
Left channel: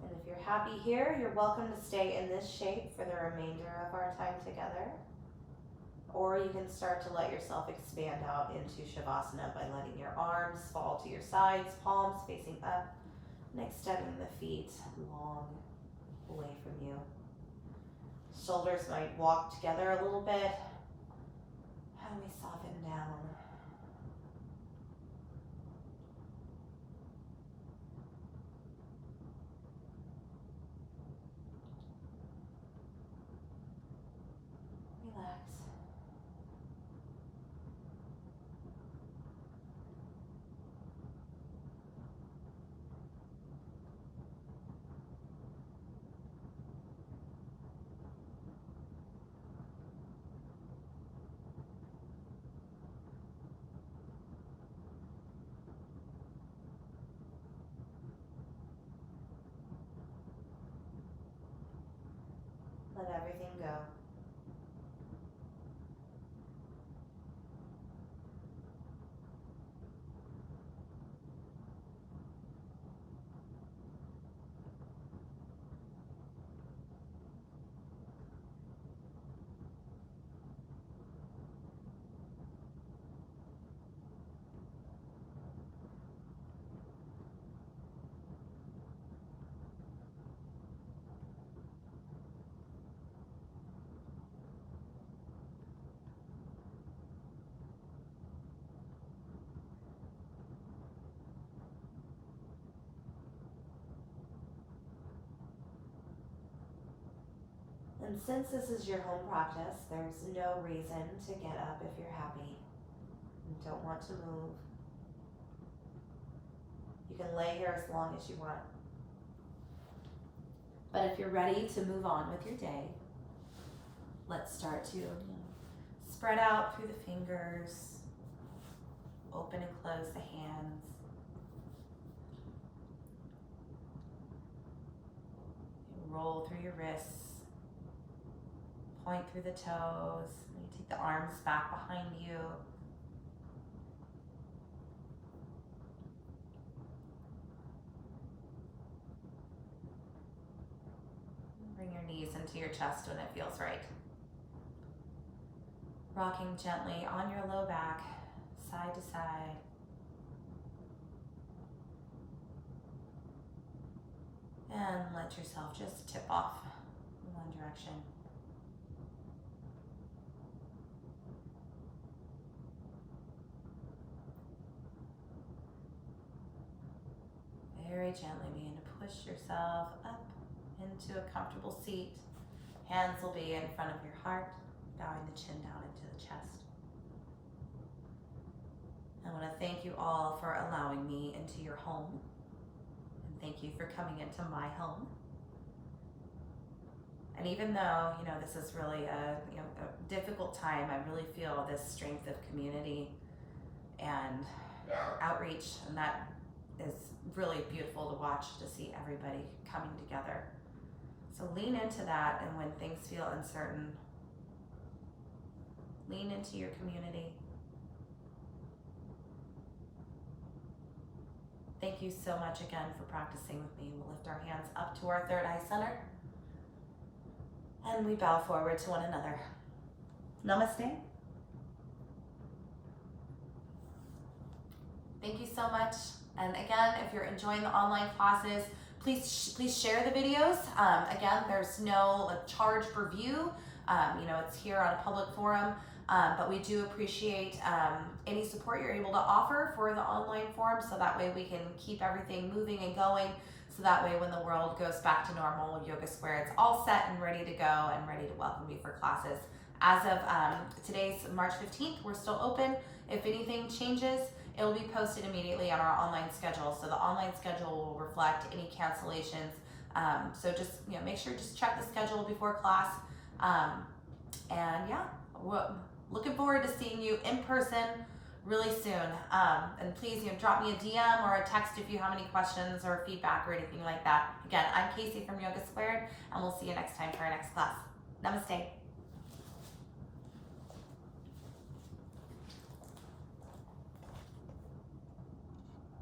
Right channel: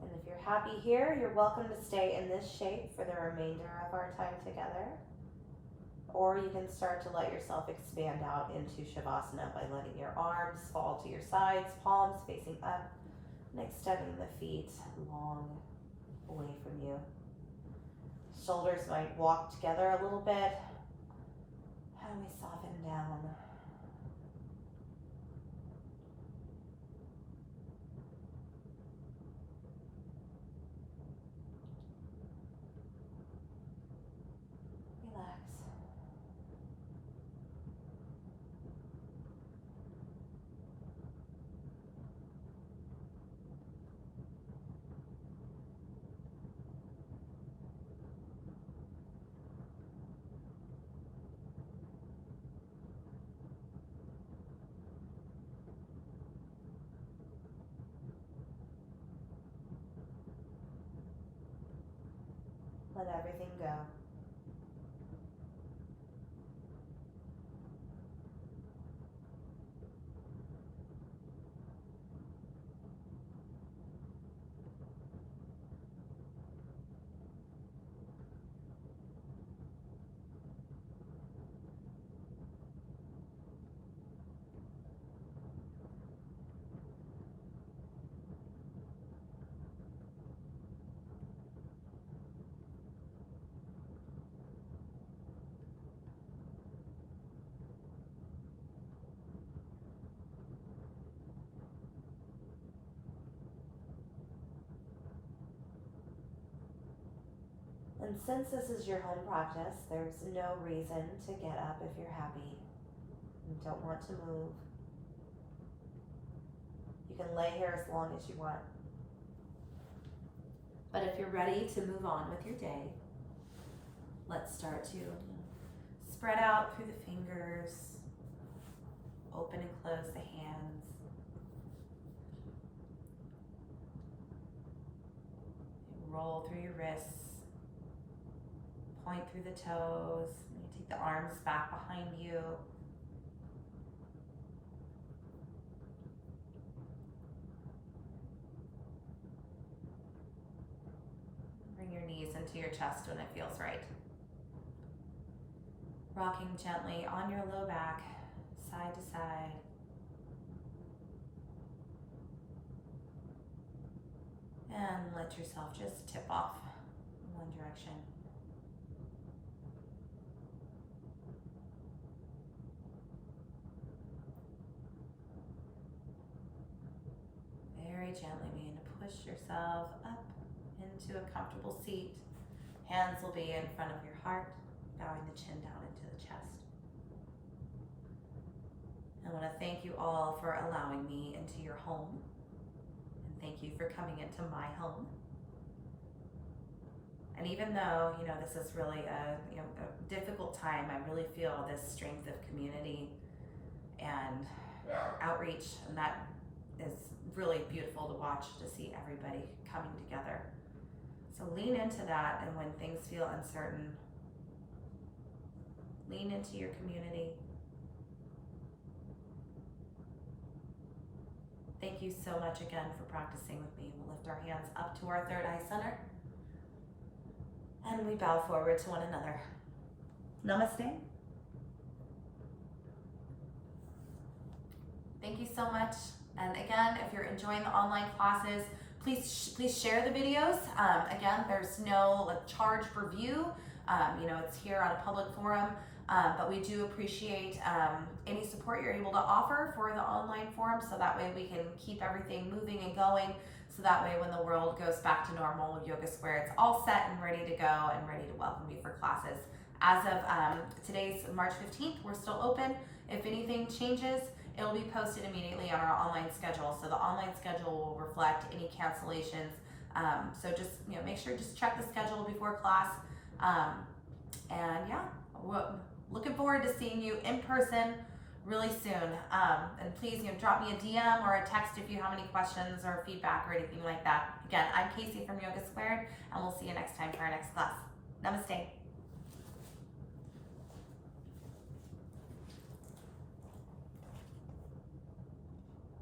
And if you're happy here, you're welcome to stay in this shape for the remainder of our time together. Or you can start to let yourself expand out into Savasana by letting your arms fall to your sides, palms facing up, and extending the feet long away from you. Shoulders might walk together a little bit, and we soften down. Relax. Let everything go. And since this is your home practice, there's no reason to get up if you're happy and don't want to move. You can lay here as long as you want. But if you're ready to move on with your day, let's start to spread out through the fingers, open and close the hands. Roll through your wrists. Point through the toes. You take the arms back behind you. Bring your knees into your chest when it feels right. Rocking gently on your low back, side to side. And let yourself just tip off in one direction. Very gently begin to push yourself up into a comfortable seat. Hands will be in front of your heart, bowing the chin down into the chest. I want to thank you all for allowing me into your home. Thank you for coming into my home. And even though, you know, this is really a difficult time, I really feel this strength of community and outreach, and that is really beautiful to watch, to see everybody coming together. So lean into that, and when things feel uncertain, lean into your community. Thank you so much again for practicing with me. We'll lift our hands up to our third eye center, and we bow forward to one another. Namaste. Thank you so much. And again, if you're enjoying the online classes, please share the videos. Again, there's no charge per view. You know, it's here on a public forum, but we do appreciate any support you're able to offer for the online forum, so that way we can keep everything moving and going. So that way when the world goes back to normal with Yoga Square, it's all set and ready to go and ready to welcome you for classes. As of today's March 15th, we're still open. If anything changes, it will be posted immediately on our online schedule. So the online schedule will reflect any cancellations. So just, you know, make sure just check the schedule before class. And yeah, we're looking forward to seeing you in person really soon. And please, you know, drop me a DM or a text if you have any questions or feedback or anything like that. Again, I'm Casey from Yoga Squared, and we'll see you next time for our next class. Namaste.